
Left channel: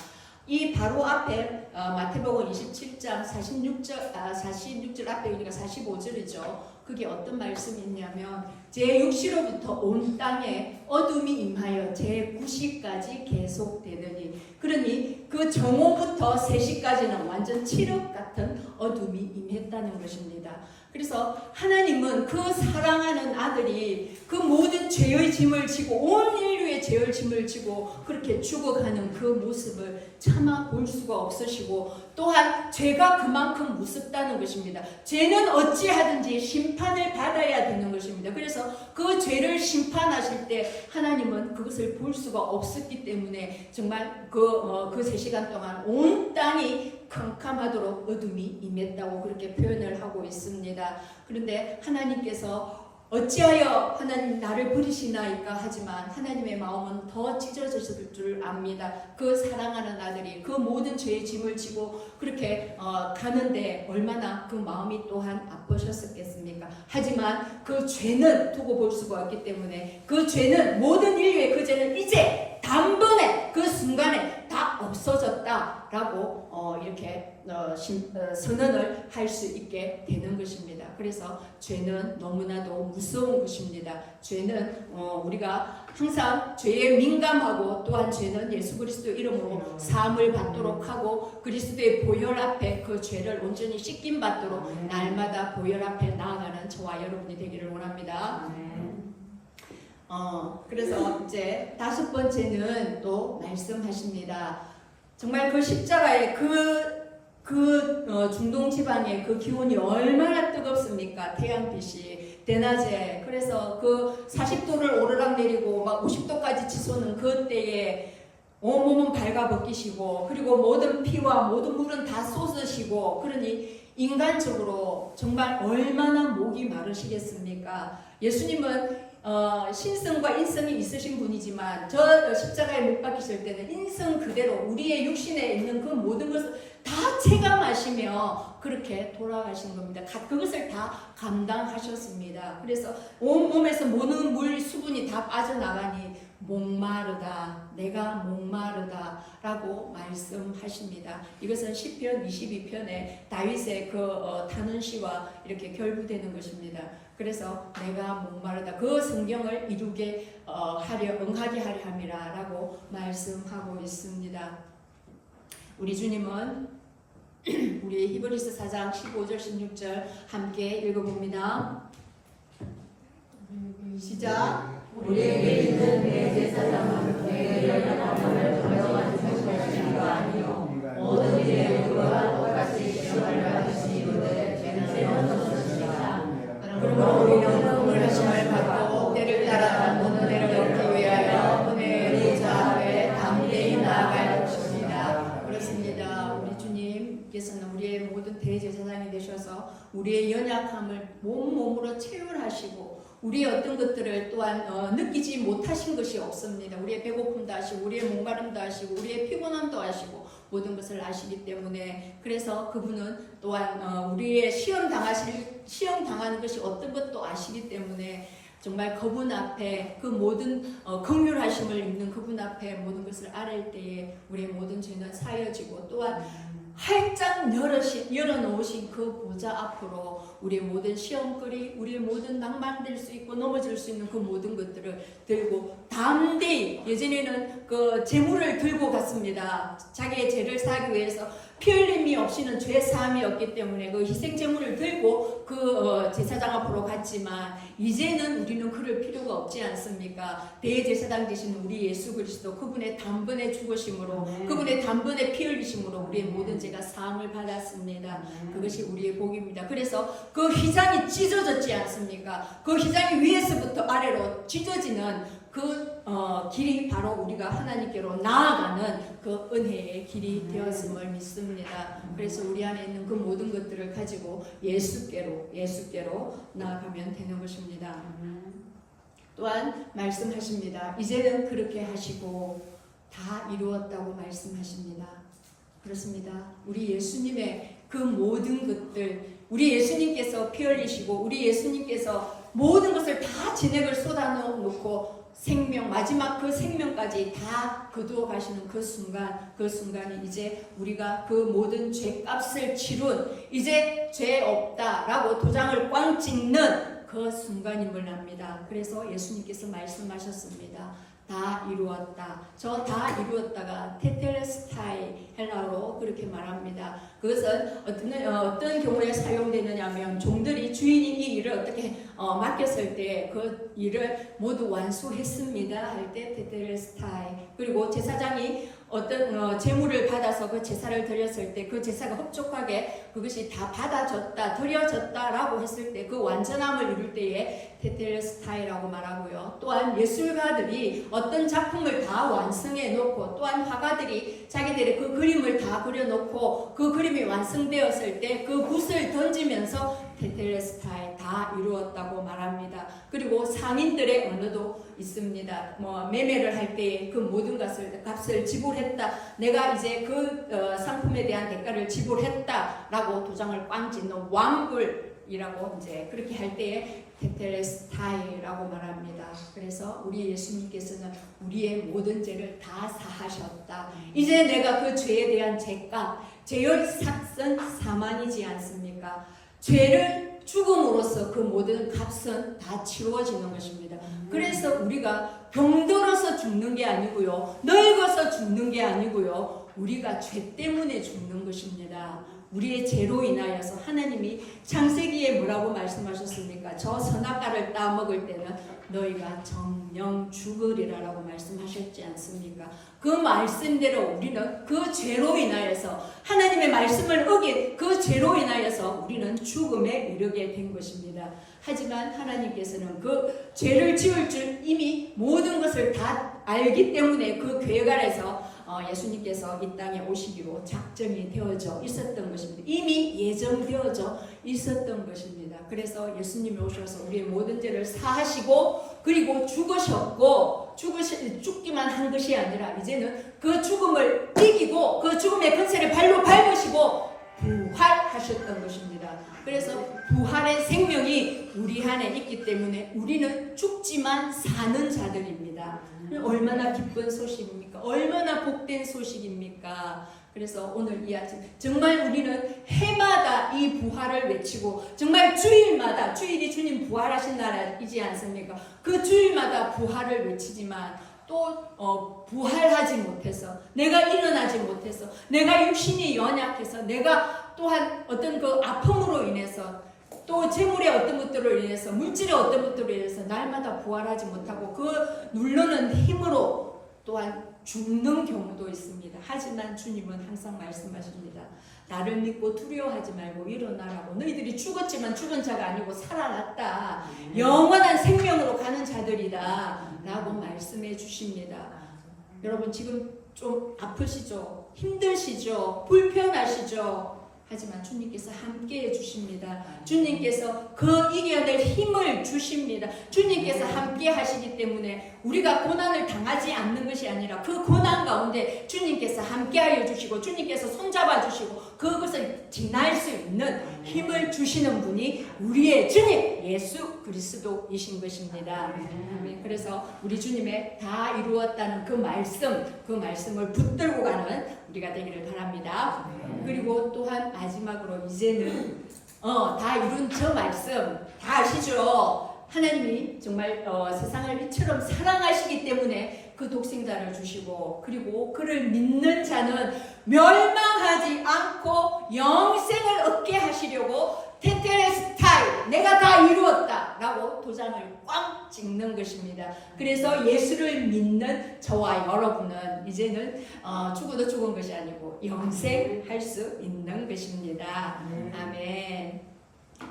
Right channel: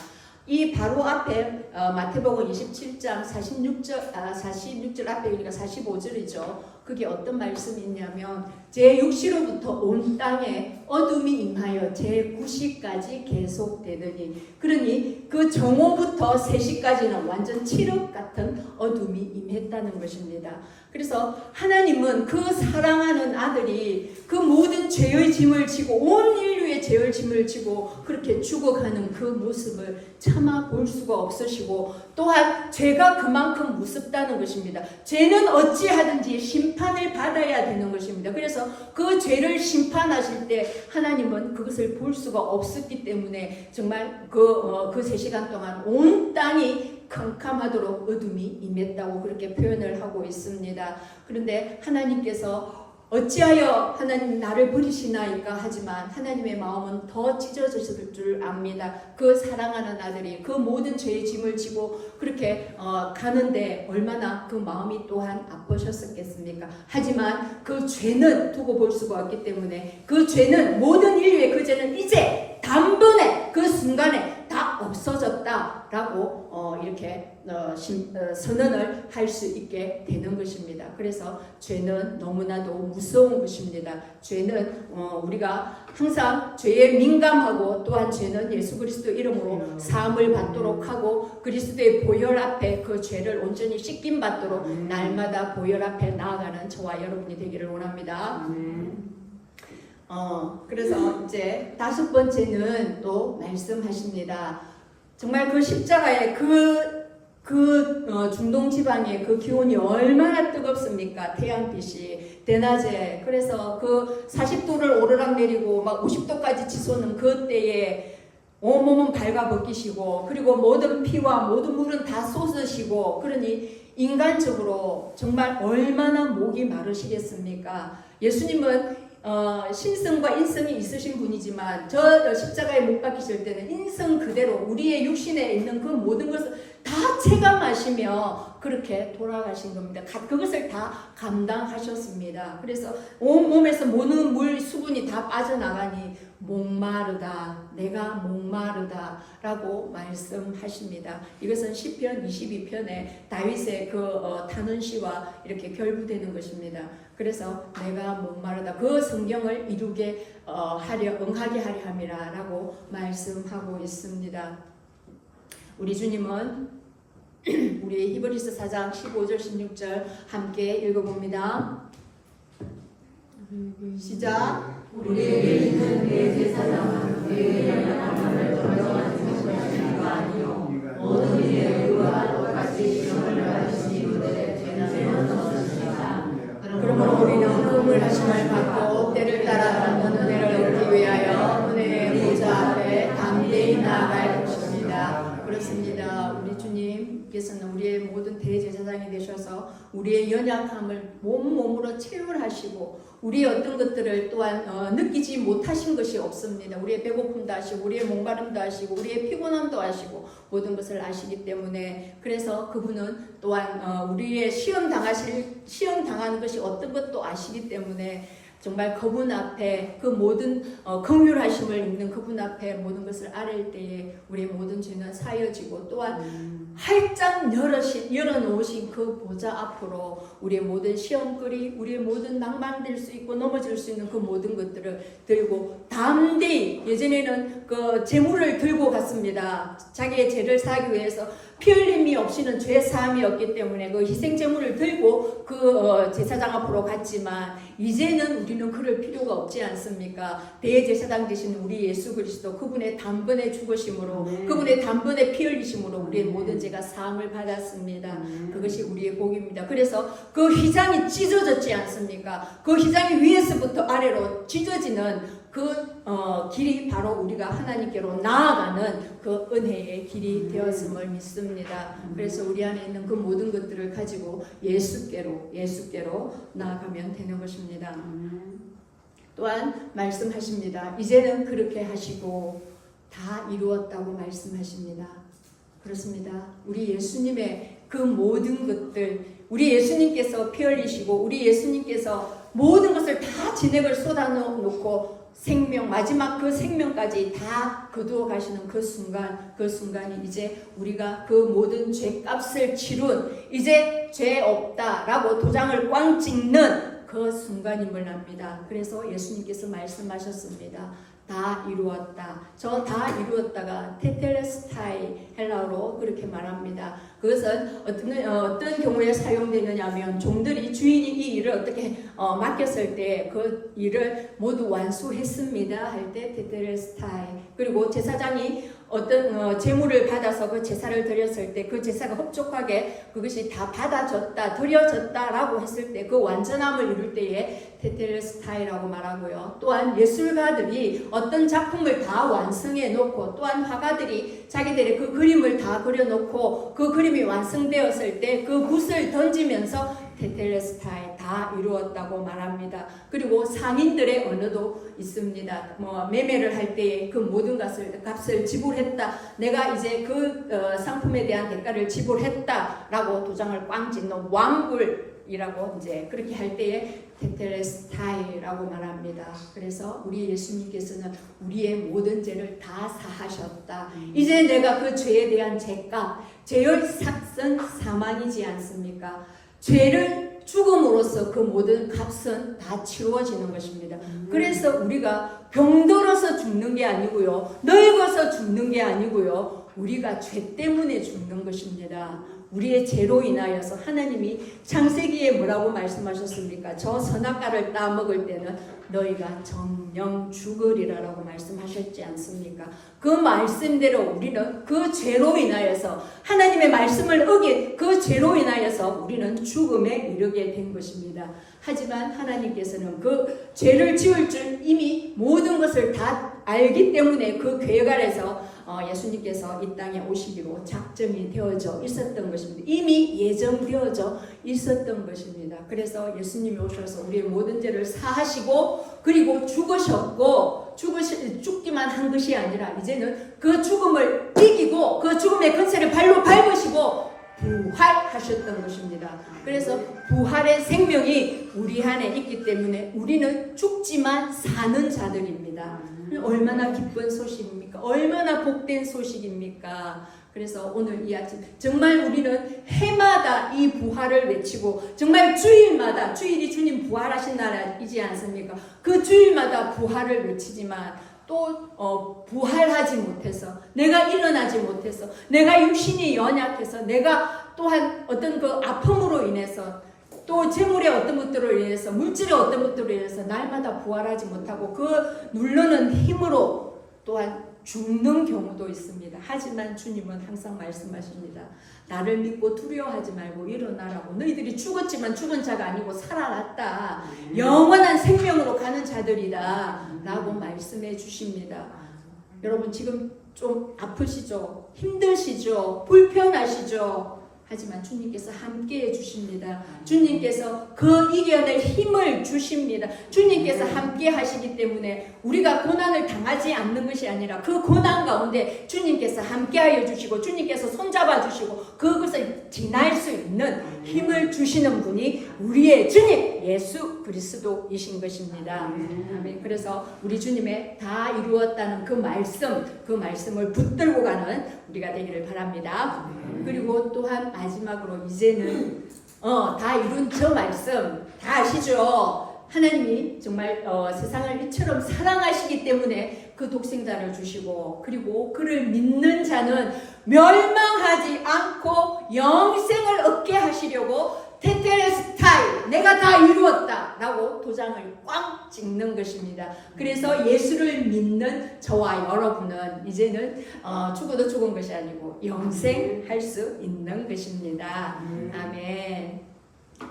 이 바로 앞에 마태복음 27장 46절 앞에 그러니까 45절이죠. 그게 어떤 말씀이 있냐면 제 육시로부터 온 땅에 어둠이 임하여 제 9시까지 계속되더니 그러니 그 정오부터 3시까지는 완전 칠흑 같은 어둠이 임했다는 것입니다. 그래서 하나님은 그 사랑하는 아들이 그 모든 죄의 짐을 지고 온 인류의 죄의 짐을 지고 그렇게 죽어가는 그 모습을 차마 볼 수가 없으시고 또한 죄가 그만큼 무섭다는 것입니다. 죄는 어찌하든지 심판을 받아야 되는 것입니다. 그래서 그 죄를 심판하실 때 하나님은 그것을 볼 수가 없었기 때문에 정말 그 3시간 동안 온 땅이 캄캄하도록 어둠이 임했다고 그렇게 표현을 하고 있습니다. 그런데 하나님께서 어찌하여 하나님 나를 버리시나이까 하지만 하나님의 마음은 더 찢어졌을 줄 압니다. 그 사랑하는 아들이 그 모든 죄의 짐을 지고 그렇게 가는데 얼마나 그 마음이 또한 아프셨었겠습니까? 하지만 그 죄는 두고 볼 수가 없기 때문에 그 죄는 모든 인류의 그 죄는 이제 단번에 그 순간에 다 없어졌다라고 이렇게 선언을 할 수 있게 되는 것입니다. 그래서 죄는 너무나도 무서운 것입니다. 죄는 우리가 항상 죄에 민감하고 또한 죄는 예수 그리스도 이름으로 사함을 받도록 하고 그리스도의 보혈 앞에 그 죄를 온전히 씻김 받도록 날마다 보혈 앞에 나아가는 저와 여러분이 되기를 원합니다. 그래서 이제 5번째는 또 말씀하십니다. 정말 그 십자가의 중동 지방의 그 기온이 얼마나 뜨겁습니까? 태양빛이 대낮에. 그래서 그 40도를 오르락 내리고 막 50도까지 치솟는 그 때에 온몸은 발가벗기시고 그리고 모든 피와 모든 물은 다 쏟으시고 그러니 인간적으로 정말 얼마나 목이 마르시겠습니까? 예수님은 신성과 인성이 있으신 분이지만 저 십자가에 못 박히실 때는 인성 그대로 우리의 육신에 있는 그 모든 것을 다 체감하시며 그렇게 돌아가신 겁니다. 그것을 다 감당하셨습니다. 그래서 온몸에서 모든 물 수분이 다 빠져나가니 목마르다 내가 목마르다 라고 말씀하십니다. 이것은 시편 22편에 다윗의 탄원시와 이렇게 결부되는 것입니다. 그래서 내가 목마르다 그 성경을 이루게 응하게 하려 함이라 라고 말씀하고 있습니다. 우리 주님은 우리 히브리서 4장 15절 16절 함께 읽어봅니다. 시작. 우리에게 있는 대제사장은 우리의 연약함을 정정하는 것이 아니요 우리의 모든 대제사장이 되셔서 우리의 연약함을 몸으로 체휼하시고 우리의 어떤 것들을 또한 느끼지 못하신 것이 없습니다. 우리의 배고픔도 아시고 우리의 목마름도 아시고 우리의 피곤함도 아시고 모든 것을 아시기 때문에 그래서 그분은 또한 우리의 시험 당하는 것이 어떤 것도 아시기 때문에 정말 그분 앞에 그 모든 긍휼하심을 입는 그분 앞에 모든 것을 아뢰일 때에 우리의 모든 죄는 사여지고 또한 활짝 열어놓으신 그 보좌 앞으로 우리의 모든 시험거리, 우리의 모든 낭만될 수 있고 넘어질 수 있는 그 모든 것들을 들고 담대히 예전에는 그 제물을 들고 갔습니다. 자기의 죄를 사하기 위해서 피 흘림이 없이는 죄 사함이 없기 때문에 그 희생 제물을 들고 그 제사장 앞으로 갔지만 이제는 우리는 그럴 필요가 없지 않습니까? 대제사장 되신 우리 예수 그리스도 그분의 단번에 죽으심으로 그분의 단번에 피 흘리심으로 우리의 모든 죄가 사함을 받았습니다. 그것이 우리의 복입니다. 그래서 그 휘장이 찢어졌지 않습니까? 그 휘장이 위에서부터 아래로 찢어지는 그 길이 바로 우리가 하나님께로 나아가는 그 은혜의 길이 되었음을 믿습니다. 그래서 우리 안에 있는 그 모든 것들을 가지고 예수께로 나아가면 되는 것입니다. 또한 말씀하십니다. 이제는 그렇게 하시고 다 이루었다고 말씀하십니다. 그렇습니다. 우리 예수님의 그 모든 것들, 우리 예수님께서 피 흘리시고 우리 예수님께서 모든 것을 다 진액을 쏟아놓고 생명, 마지막 그 생명까지 다 거두어 가시는 그 순간이 이제 우리가 그 모든 죄값을 치룬 이제 죄 없다라고 도장을 꽝 찍는 그 순간임을 압니다. 그래서 예수님께서 말씀하셨습니다. 다 이루었다. 저 다 이루었다가 테텔레스타이 헬라어로 그렇게 말합니다. 그것은 어떤 경우에 사용되느냐 하면 종들이 주인이 이 일을 어떻게 맡겼을 때 그 일을 모두 완수했습니다 할 때 테텔레스타이. 그리고 제사장이 어떤 제물을 받아서 그 제사를 드렸을 때 그 제사가 흡족하게 그것이 다 받아졌다, 드려졌다라고 했을 때 그 완전함을 이룰 때에 테텔레스타이라고 말하고요. 또한 예술가들이 어떤 작품을 다 완성해 놓고 또한 화가들이 자기들의 그 그림을 다 그려놓고 그 그림이 완성되었을 때 그 붓을 던지면서 테텔레스타이 다 이루었다고 말합니다. 그리고 상인들의 언어도 있습니다. 매매를 할 때에 그 모든 값을 지불했다. 내가 이제 그 상품에 대한 대가를 지불했다라고 도장을 꽝 찍는 완불이라고 이제 그렇게 할 때에 테텔레스타이라고 말합니다. 그래서 우리 예수님께서는 우리의 모든 죄를 다 사하셨다. 이제 내가 그 죄에 대한 죄값, 죄의 삭은 사망이지 않습니까? 죄를 죽음으로써 그 모든 값은 다 치루어지는 것입니다. 그래서 우리가 병들어서 죽는 게 아니고요, 늙어서 죽는 게 아니고요, 우리가 죄 때문에 죽는 것입니다. 우리의 죄로 인하여서 하나님이 창세기에 뭐라고 말씀하셨습니까? 저 선악과를 따먹을 때는 너희가 정령 죽으리라라고 말씀하셨지 않습니까? 그 말씀대로 우리는 그 죄로 인하여서 하나님의 말씀을 어긴 그 죄로 인하여서 우리는 죽음에 이르게 된 것입니다. 하지만 하나님께서는 그 죄를 지을 줄 이미 모든 것을 다 알기 때문에 그 계획 아래서 예수님께서 이 땅에 오시기로 작정이 되어져 있었던 것입니다. 이미 예정되어져 있었던 것입니다. 그래서 예수님이 오셔서 우리의 모든 죄를 사하시고 그리고 죽으셨고 죽기만 한 것이 아니라 이제는 그 죽음을 이기고 그 죽음의 권세를 발로 밟으시고 부활하셨던 것입니다. 그래서 부활의 생명이 우리 안에 있기 때문에 우리는 죽지만 사는 자들입니다. 얼마나 기쁜 소식입니까? 얼마나 복된 소식입니까? 그래서 오늘 이 아침 정말 우리는 해마다 이 부활을 외치고 정말 주일마다, 주일이 주님 부활하신 날이지 않습니까? 그 주일마다 부활을 외치지만 또 부활하지 못해서, 내가 일어나지 못해서, 내가 육신이 연약해서, 내가 또한 어떤 그 아픔으로 인해서, 또 재물의 어떤 것들로 인해서, 물질의 어떤 것들로 인해서 날마다 부활하지 못하고 그 누르는 힘으로 또한 죽는 경우도 있습니다. 하지만 주님은 항상 말씀하십니다. 나를 믿고 두려워하지 말고 일어나라고. 너희들이 죽었지만 죽은 자가 아니고 살아났다. 영원한 생명으로 가는 자들이다 라고 말씀해 주십니다. 여러분 지금 좀 아프시죠? 힘드시죠? 불편하시죠? 하지만 주님께서 함께해 주십니다. 주님께서 그 이겨낼 힘을 주십니다. 주님께서 함께 하시기 때문에 우리가 고난을 당하지 않는 것이 아니라 그 고난 가운데 주님께서 함께하여 주시고 주님께서 손잡아 주시고 그것을 지날 수 있는 힘을 주시는 분이 우리의 주님 예수 그리스도이신 것입니다. 아멘. 그래서 우리 주님의 다 이루었다는 그 말씀을 붙들고 가는 우리가 되기를 바랍니다. 그리고 또한 마지막으로 이제는 다 이룬 저 말씀 다 아시죠? 하나님이 정말 세상을 이처럼 사랑하시기 때문에 그 독생자를 주시고 그리고 그를 믿는 자는 멸망하지 않고 영생을 얻게 하시려고 테텔레스타이 내가 다 이루었다 라고 도장을 꽝 찍는 것입니다. 그래서 예수를 믿는 저와 여러분은 이제는 죽어도 죽은 것이 아니고 영생할 수 있는 것입니다. 아멘.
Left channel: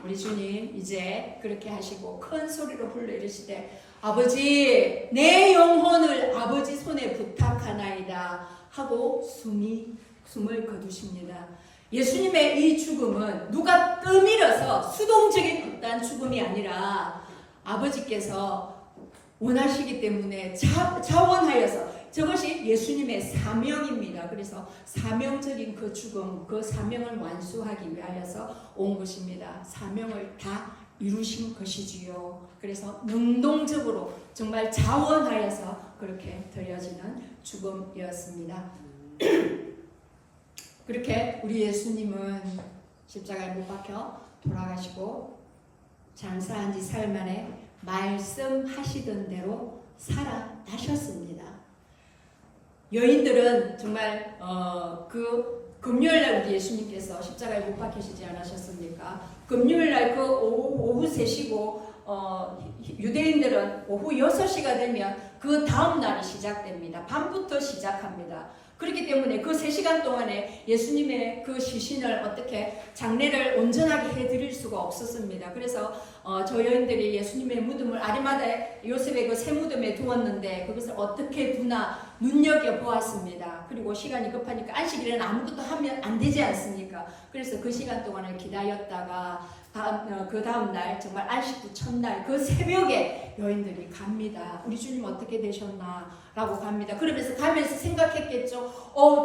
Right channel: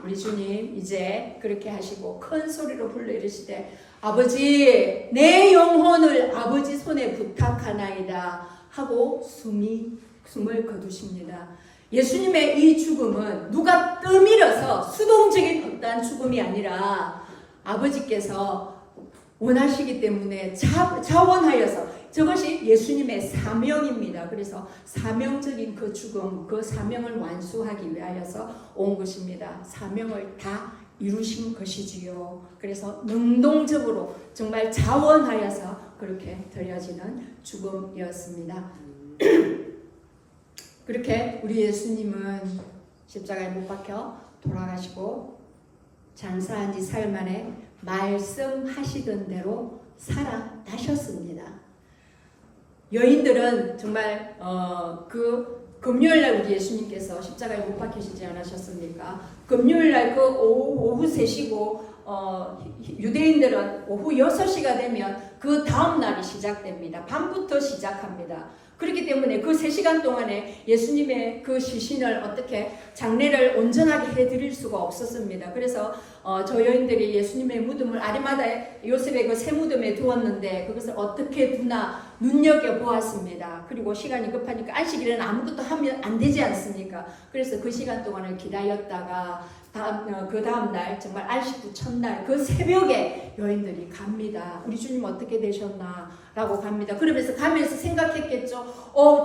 우리 주님 이제 그렇게 하시고 큰 소리로 불러 이르시되 아버지 내 영혼을 아버지 손에 부탁하나이다 하고 숨을 거두십니다. 예수님의 이 죽음은 누가 떠밀어서 수동적인 어떠한 죽음이 아니라 아버지께서 원하시기 때문에 자원하여서 저것이 예수님의 사명입니다. 그래서 사명적인 그 죽음, 그 사명을 완수하기 위하여서 온 것입니다. 사명을 다 이루신 것이지요. 그래서 능동적으로 정말 자원하여서 그렇게 드려지는 죽음이었습니다. 그렇게 우리 예수님은 십자가에 못 박혀 돌아가시고 장사한 지 사흘 만에 말씀하시던 대로 살아나셨습니다. 여인들은 정말 그 금요일날 우리 예수님께서 십자가에 못 박히시지 않으셨습니까? 금요일날 그 오후 3시고 유대인들은 오후 6시가 되면 그 다음 날이 시작됩니다. 밤부터 시작합니다. 그렇기 때문에 그 3시간 동안에 예수님의 그 시신을 어떻게 장례를 온전하게 해드릴 수가 없었습니다. 그래서 저 여인들이 예수님의 무덤을 아리마다에 요셉의 그 새 무덤에 두었는데 그것을 어떻게 두나 눈여겨보았습니다. 그리고 시간이 급하니까 안식일에는 아무것도 하면 안 되지 않습니까? 그래서 그 시간 동안을 기다렸다가 그 다음 날 정말 안식구 첫날 그 새벽에 여인들이 갑니다. 우리 주님 어떻게 되셨나 라고 갑니다. 그러면서 가면서 생각했겠죠.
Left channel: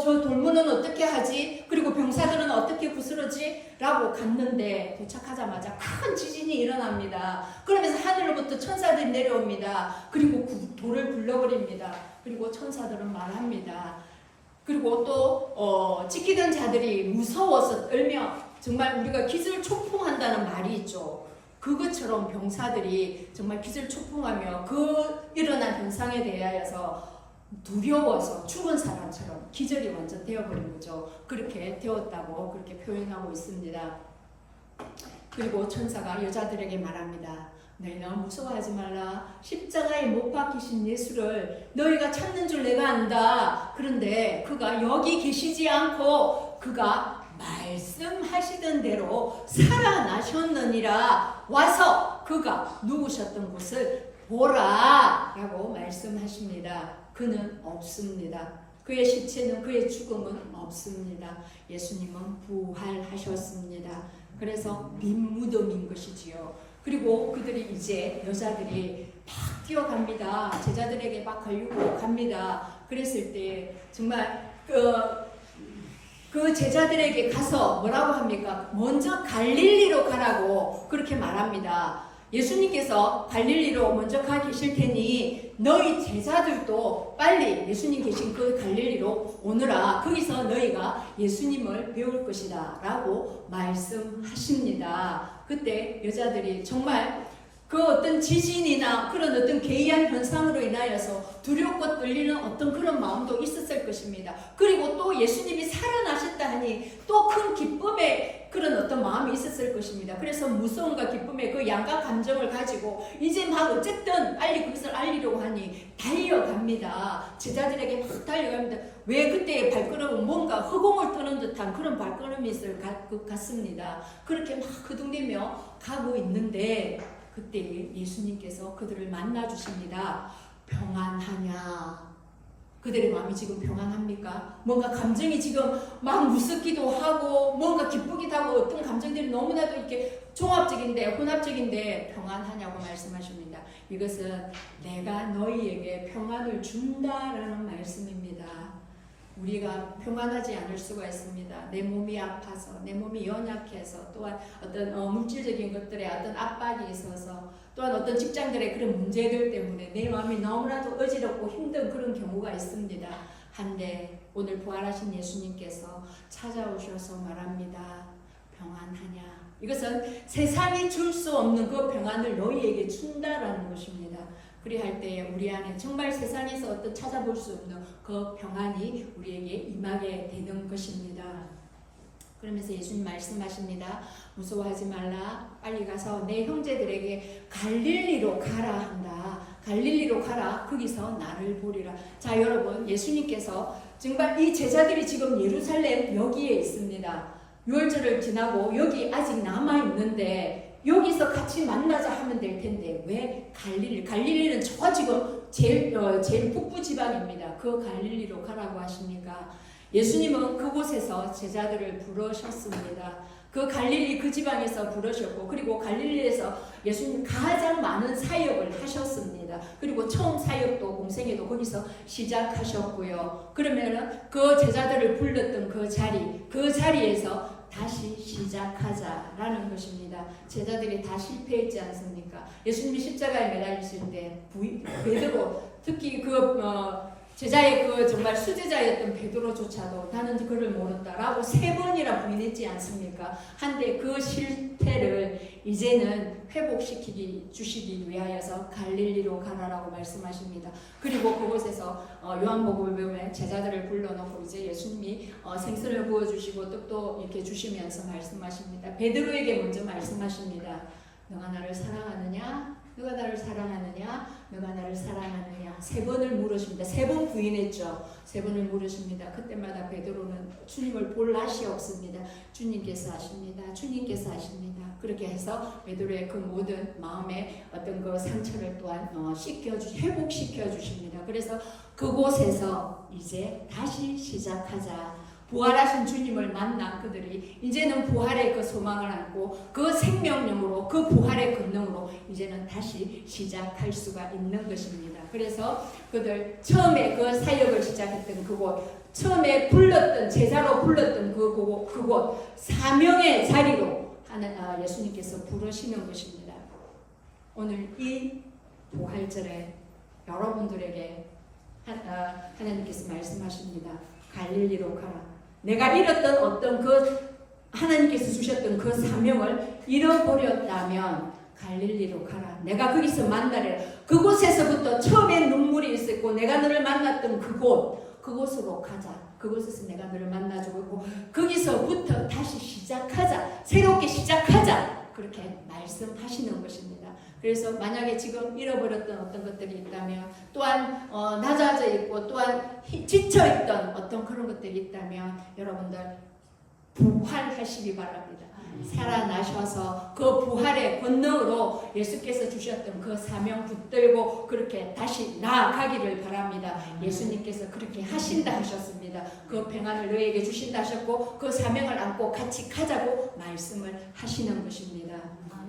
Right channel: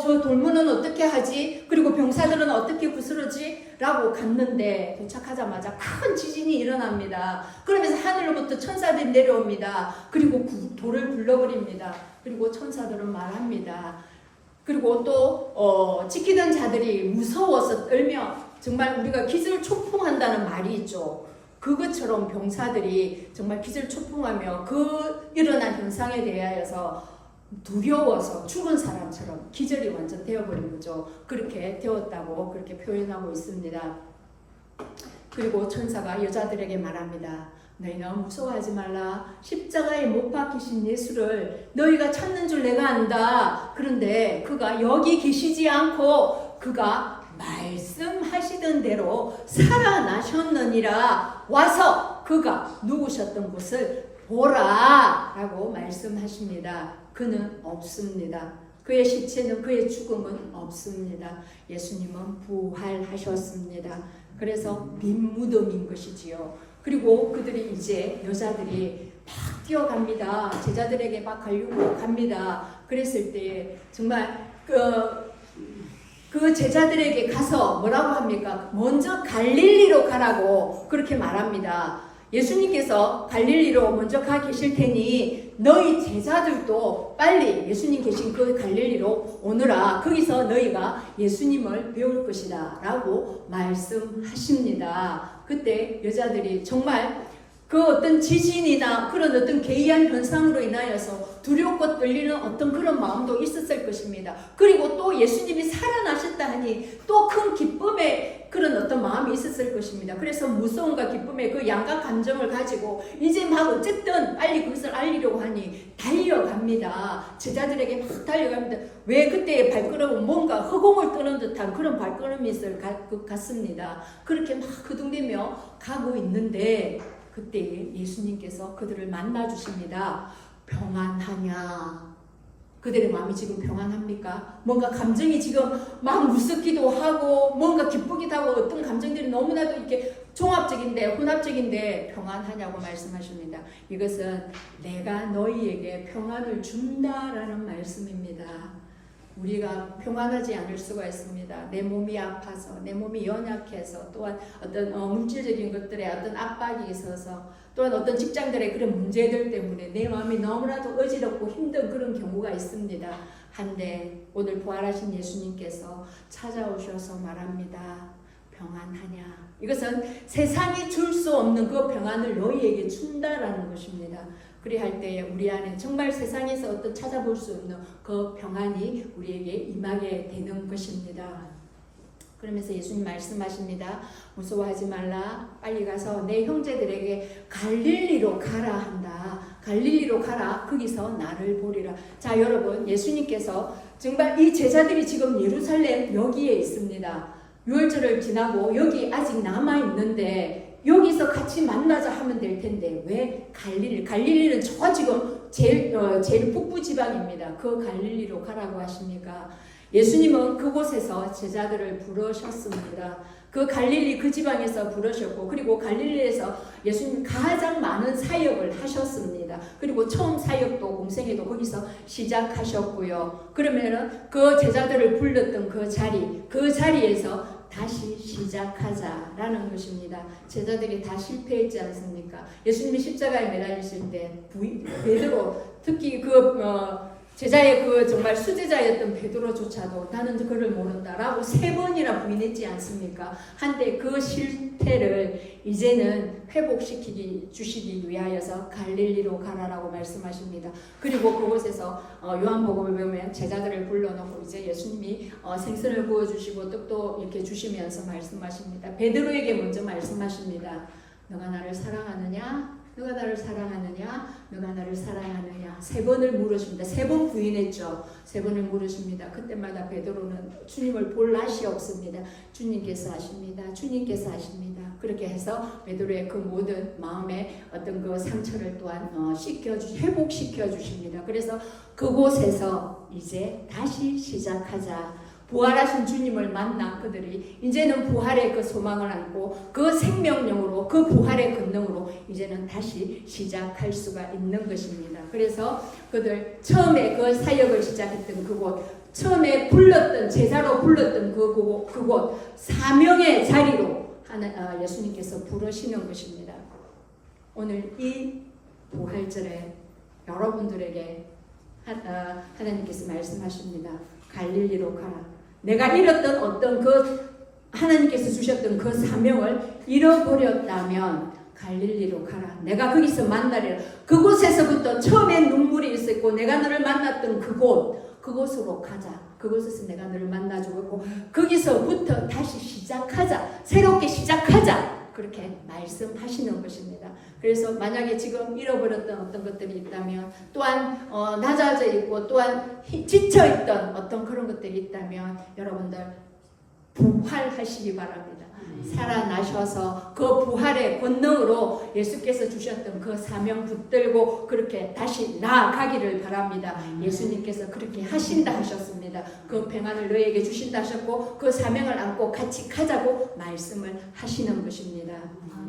저 돌문은 어떻게 하지? 그리고 병사들은 어떻게 부스러지? 라고 갔는데 도착하자마자 큰 지진이 일어납니다. 그러면서 하늘로부터 천사들이 내려옵니다. 그리고 돌을 굴러버립니다. 그리고 천사들은 말합니다. 그리고 또 지키던 자들이 무서워서 떨며 정말 우리가 기절초풍한다는 말이 있죠. 그것처럼 병사들이 정말 기절초풍하며 그 일어난 현상에 대하여서 두려워서 죽은 사람처럼 기절이 완전 되어버린 거죠. 그렇게 되었다고 그렇게 표현하고 있습니다. 그리고 천사가 여자들에게 말합니다. 너희는 무서워하지 말라. 십자가에 못 박히신 예수를 너희가 찾는 줄 내가 안다. 그런데 그가 여기 계시지 않고 그가 말씀하시던 대로 살아나셨느니라. 와서 그가 누우셨던 곳을 보라 라고 말씀하십니다. 그는 없습니다. 그의 시체는 그의 죽음은 없습니다. 예수님은 부활하셨습니다. 그래서 빈 무덤인 것이지요. 그리고 그들이 이제 여자들이 막 뛰어갑니다. 제자들에게 막 가려고 갑니다. 그랬을 때 정말 그 제자들에게 가서 뭐라고 합니까? 먼저 갈릴리로 가라고 그렇게 말합니다. 예수님께서 갈릴리로 먼저 가 계실 테니 너희 제자들도 빨리 예수님 계신 그 갈릴리로 오너라. 거기서 너희가 예수님을 배울 것이다 라고 말씀하십니다. 그때 여자들이 정말 그 어떤 지진이나 그런 어떤 괴이한 현상으로 인하여서 두렵고 떨리는 어떤 그런 마음도 있었을 것입니다. 그리고 또 예수님이 살아나셨다 하니 또 큰 기쁨의 그런 어떤 마음이 있었을 것입니다. 그래서 무서움과 기쁨의 그 양가 감정을 가지고 이제 막 어쨌든 빨리 그것을 알리려고 하니 달려갑니다. 제자들에게 막 달려갑니다. 왜 그때의 발걸음은 뭔가 허공을 떠는 듯한 그런 발걸음이 있을 것 같습니다. 그렇게 막 그둥대며 가고 있는데 그때 예수님께서 그들을 만나 주십니다. 평안하냐? 그들의 마음이 지금 평안합니까? 뭔가 감정이 지금 막 무섭기도 하고 뭔가 기쁘기도 하고 어떤 감정들이 너무나도 이렇게 종합적인데 혼합적인데 평안하냐고 말씀하십니다. 이것은 내가 너희에게 평안을 준다라는 말씀입니다. 우리가 평안하지 않을 수가 있습니다. 내 몸이 아파서, 내 몸이 연약해서, 또한 어떤 물질적인 것들에 어떤 압박이 있어서, 또한 어떤 직장들의 그런 문제들 때문에 내 마음이 너무나도 어지럽고 힘든 그런 경우가 있습니다. 한데 오늘 부활하신 예수님께서 찾아오셔서 말합니다. 평안하냐? 이것은 세상이 줄 수 없는 그 평안을 너희에게 준다라는 것입니다. 그리할 때에 우리 안에 정말 세상에서 어떤 찾아볼 수 없는 그 평안이 우리에게 임하게 되는 것입니다. 그러면서 예수님 말씀하십니다. 무서워하지 말라. 빨리 가서 내 형제들에게 갈릴리로 가라 한다. 갈릴리로 가라. 거기서 나를 보리라. 자, 여러분, 예수님께서 정말 이 제자들이 지금 예루살렘 여기에 있습니다. 유월절을 지나고 여기 아직 남아 있는데 여기서 같이 만나자 하면 될 텐데 왜 갈릴리? 갈릴리는 저 지금 제일 북부 지방입니다. 그 갈릴리로 가라고 하십니까? 예수님은 그곳에서 제자들을 부르셨습니다. 그 갈릴리 그 지방에서 부르셨고 그리고 갈릴리에서 예수님 가장 많은 사역을 하셨습니다. 그리고 처음 사역도 공생애도 거기서 시작하셨고요. 그러면은 그 제자들을 불렀던 그 자리에서 다시 시작하자라는 것입니다. 제자들이 다 실패했지 않습니까? 예수님이 십자가에 매달리실 때 베드로 특히 제자의 정말 수제자였던 베드로조차도 나는 그를 모른다라고 3번이나 부인했지 않습니까? 한데 그 실패를 이제는 주시기 위하여서 갈릴리로 가라라고 말씀하십니다. 그리고 그곳에서 요한복음을 보면 제자들을 불러놓고 이제 예수님이 생선을 구워주시고 떡도 이렇게 주시면서 말씀하십니다. 베드로에게 먼저 말씀하십니다. 너가 나를 사랑하느냐? 누가 나를 사랑하느냐? 누가 나를 사랑하느냐? 3번을 물으십니다. 3번 부인했죠. 3번을 물으십니다. 그때마다 베드로는 주님을 볼 낯이 없습니다. 주님께서 아십니다. 주님께서 아십니다. 그렇게 해서 베드로의 그 모든 마음의 어떤 그 상처를 또한 회복시켜 주십니다. 그래서 그곳에서 이제 다시 시작하자. 부활하신 주님을 만난 그들이 이제는 부활의 그 소망을 안고 그 생명력으로 그 부활의 권능으로 이제는 다시 시작할 수가 있는 것입니다. 그래서 그들 처음에 그 사역을 시작했던 그곳, 처음에 제자로 불렀던 그곳 사명의 자리로 예수님께서 부르시는 것입니다. 오늘 이 부활절에 여러분들에게 하나님께서 말씀하십니다. 갈릴리로 가라. 내가 잃었던 어떤 하나님께서 주셨던 그 사명을 잃어버렸다면 갈릴리로 가라. 내가 거기서 만나리라. 그곳에서부터 처음에 눈물이 있었고 내가 너를 만났던 그곳으로 가자. 그곳에서 내가 너를 만나주고 거기서부터 다시 시작하자. 새롭게 시작하자. 그렇게 말씀하시는 것입니다. 그래서 만약에 지금 잃어버렸던 어떤 것들이 있다면 또한 낮아져 있고 또한 지쳐있던 어떤 그런 것들이 있다면 여러분들 부활하시기 바랍니다. 살아나셔서 그 부활의 권능으로 예수께서 주셨던 그 사명 붙들고 그렇게 다시 나아가기를 바랍니다. 예수님께서 그렇게 하신다 하셨습니다. 그 평안을 너에게 주신다 하셨고 그 사명을 안고 같이 가자고 말씀을 하시는 것입니다.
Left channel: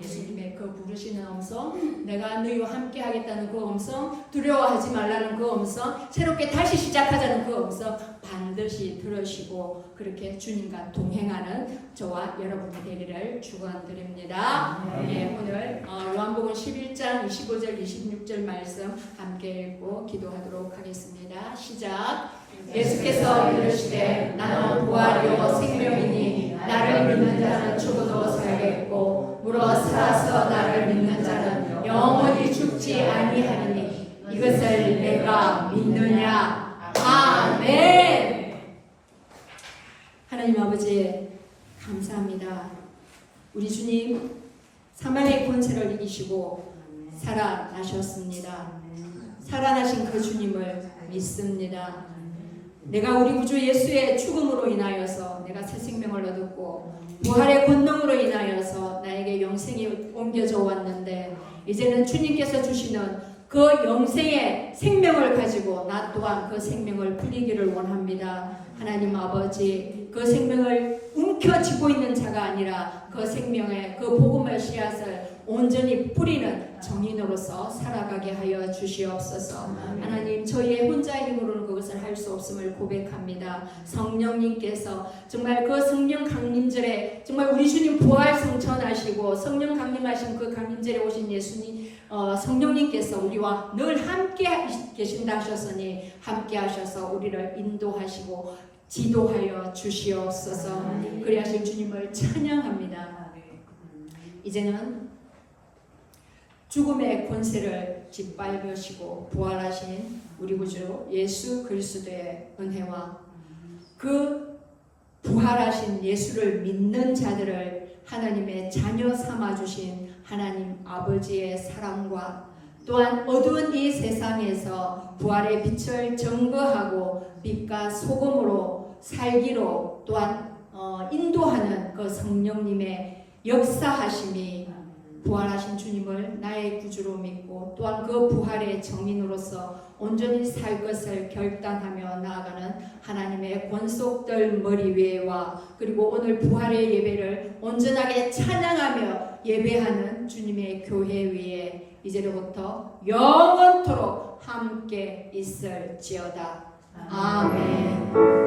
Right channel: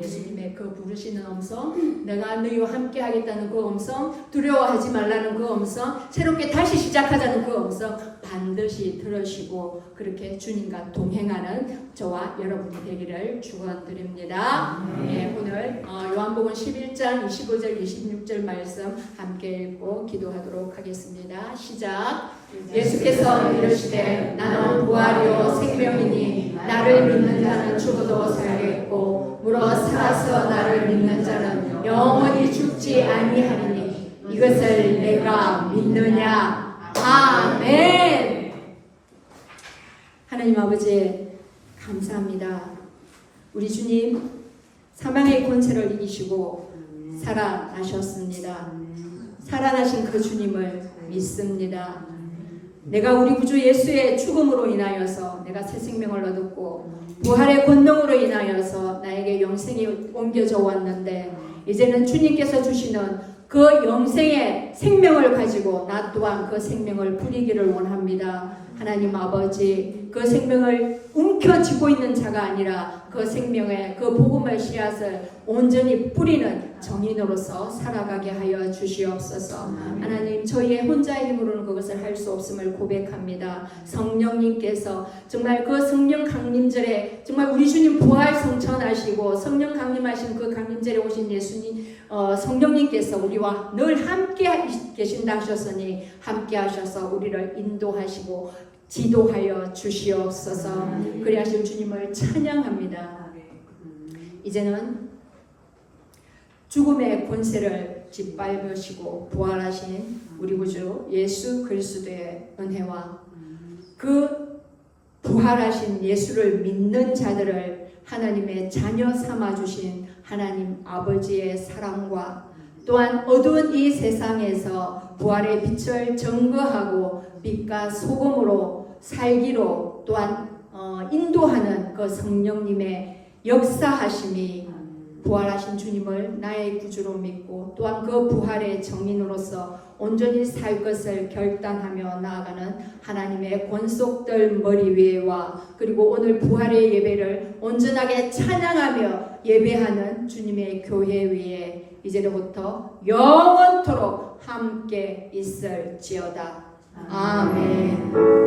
예수님의 그 부르시는 음성, 내가 너희와 함께 하겠다는 그 음성, 두려워하지 말라는 그 음성, 새롭게 다시 시작하자는 그 음성 반드시 들으시고 그렇게 주님과 동행하는 저와 여러분이 되기를 축원드립니다. 네, 오늘 요한복음 11장 25절 26절 말씀 함께 읽고 기도하도록 하겠습니다. 시작. 예수께서 이르시되 나는 부활이요 생명이니 나를 믿는 자는 죽어도 살겠고 물어 살아서 나를 믿는 자는 영원히 죽지 아니하리니 이것을 내가 믿느냐. 아멘. 하나님 아버지 감사합니다. 우리 주님 사망의 권세를 이기시고 살아나셨습니다. 살아나신 그 주님을 믿습니다. 내가 우리 구주 예수의 죽음으로 인하여서 내가 새 생명을 얻었고 부활의 권능으로 인하여서 나에게 영생이 옮겨져 왔는데 이제는 주님께서 주시는 그 영생의 생명을 가지고 나 또한 그 생명을 부리기를 원합니다. 하나님 아버지, 그 생명을 움켜쥐고 있는 자가 아니라 그 생명의 그 복음의 씨앗을 온전히 뿌리는 정인으로서 살아가게 하여 주시옵소서. 하나님, 저희의 혼자의 힘으로는 그것을 할 수 없음을 고백합니다. 성령님께서 정말 그 성령 강림절에 정말 우리 주님 부활 성천하시고 성령 강림하신 그 강림절에 오신 예수님 성령님께서 우리와 늘 함께 계신다 하셨으니 함께 하셔서 우리를 인도하시고 지도하여 주시옵소서. 그리하실 주님을 찬양합니다. 이제는 죽음의 권세를 짓밟으시고 부활하신 우리 구주 예수 그리스도의 은혜와 그 부활하신 예수를 믿는 자들을 하나님의 자녀 삼아주신 하나님 아버지의 사랑과 또한 어두운 이 세상에서 부활의 빛을 증거하고 빛과 소금으로 살기로 또한 인도하는 그 성령님의 역사하심이 부활하신 주님을 나의 구주로 믿고 또한 그 부활의 정인으로서 온전히 살 것을 결단하며 나아가는 하나님의 권속들 머리 위에와 그리고 오늘 부활의 예배를 온전하게 찬양하며 예배하는 주님의 교회 위에 이제로부터 영원토록 함께 있을지어다. 아멘.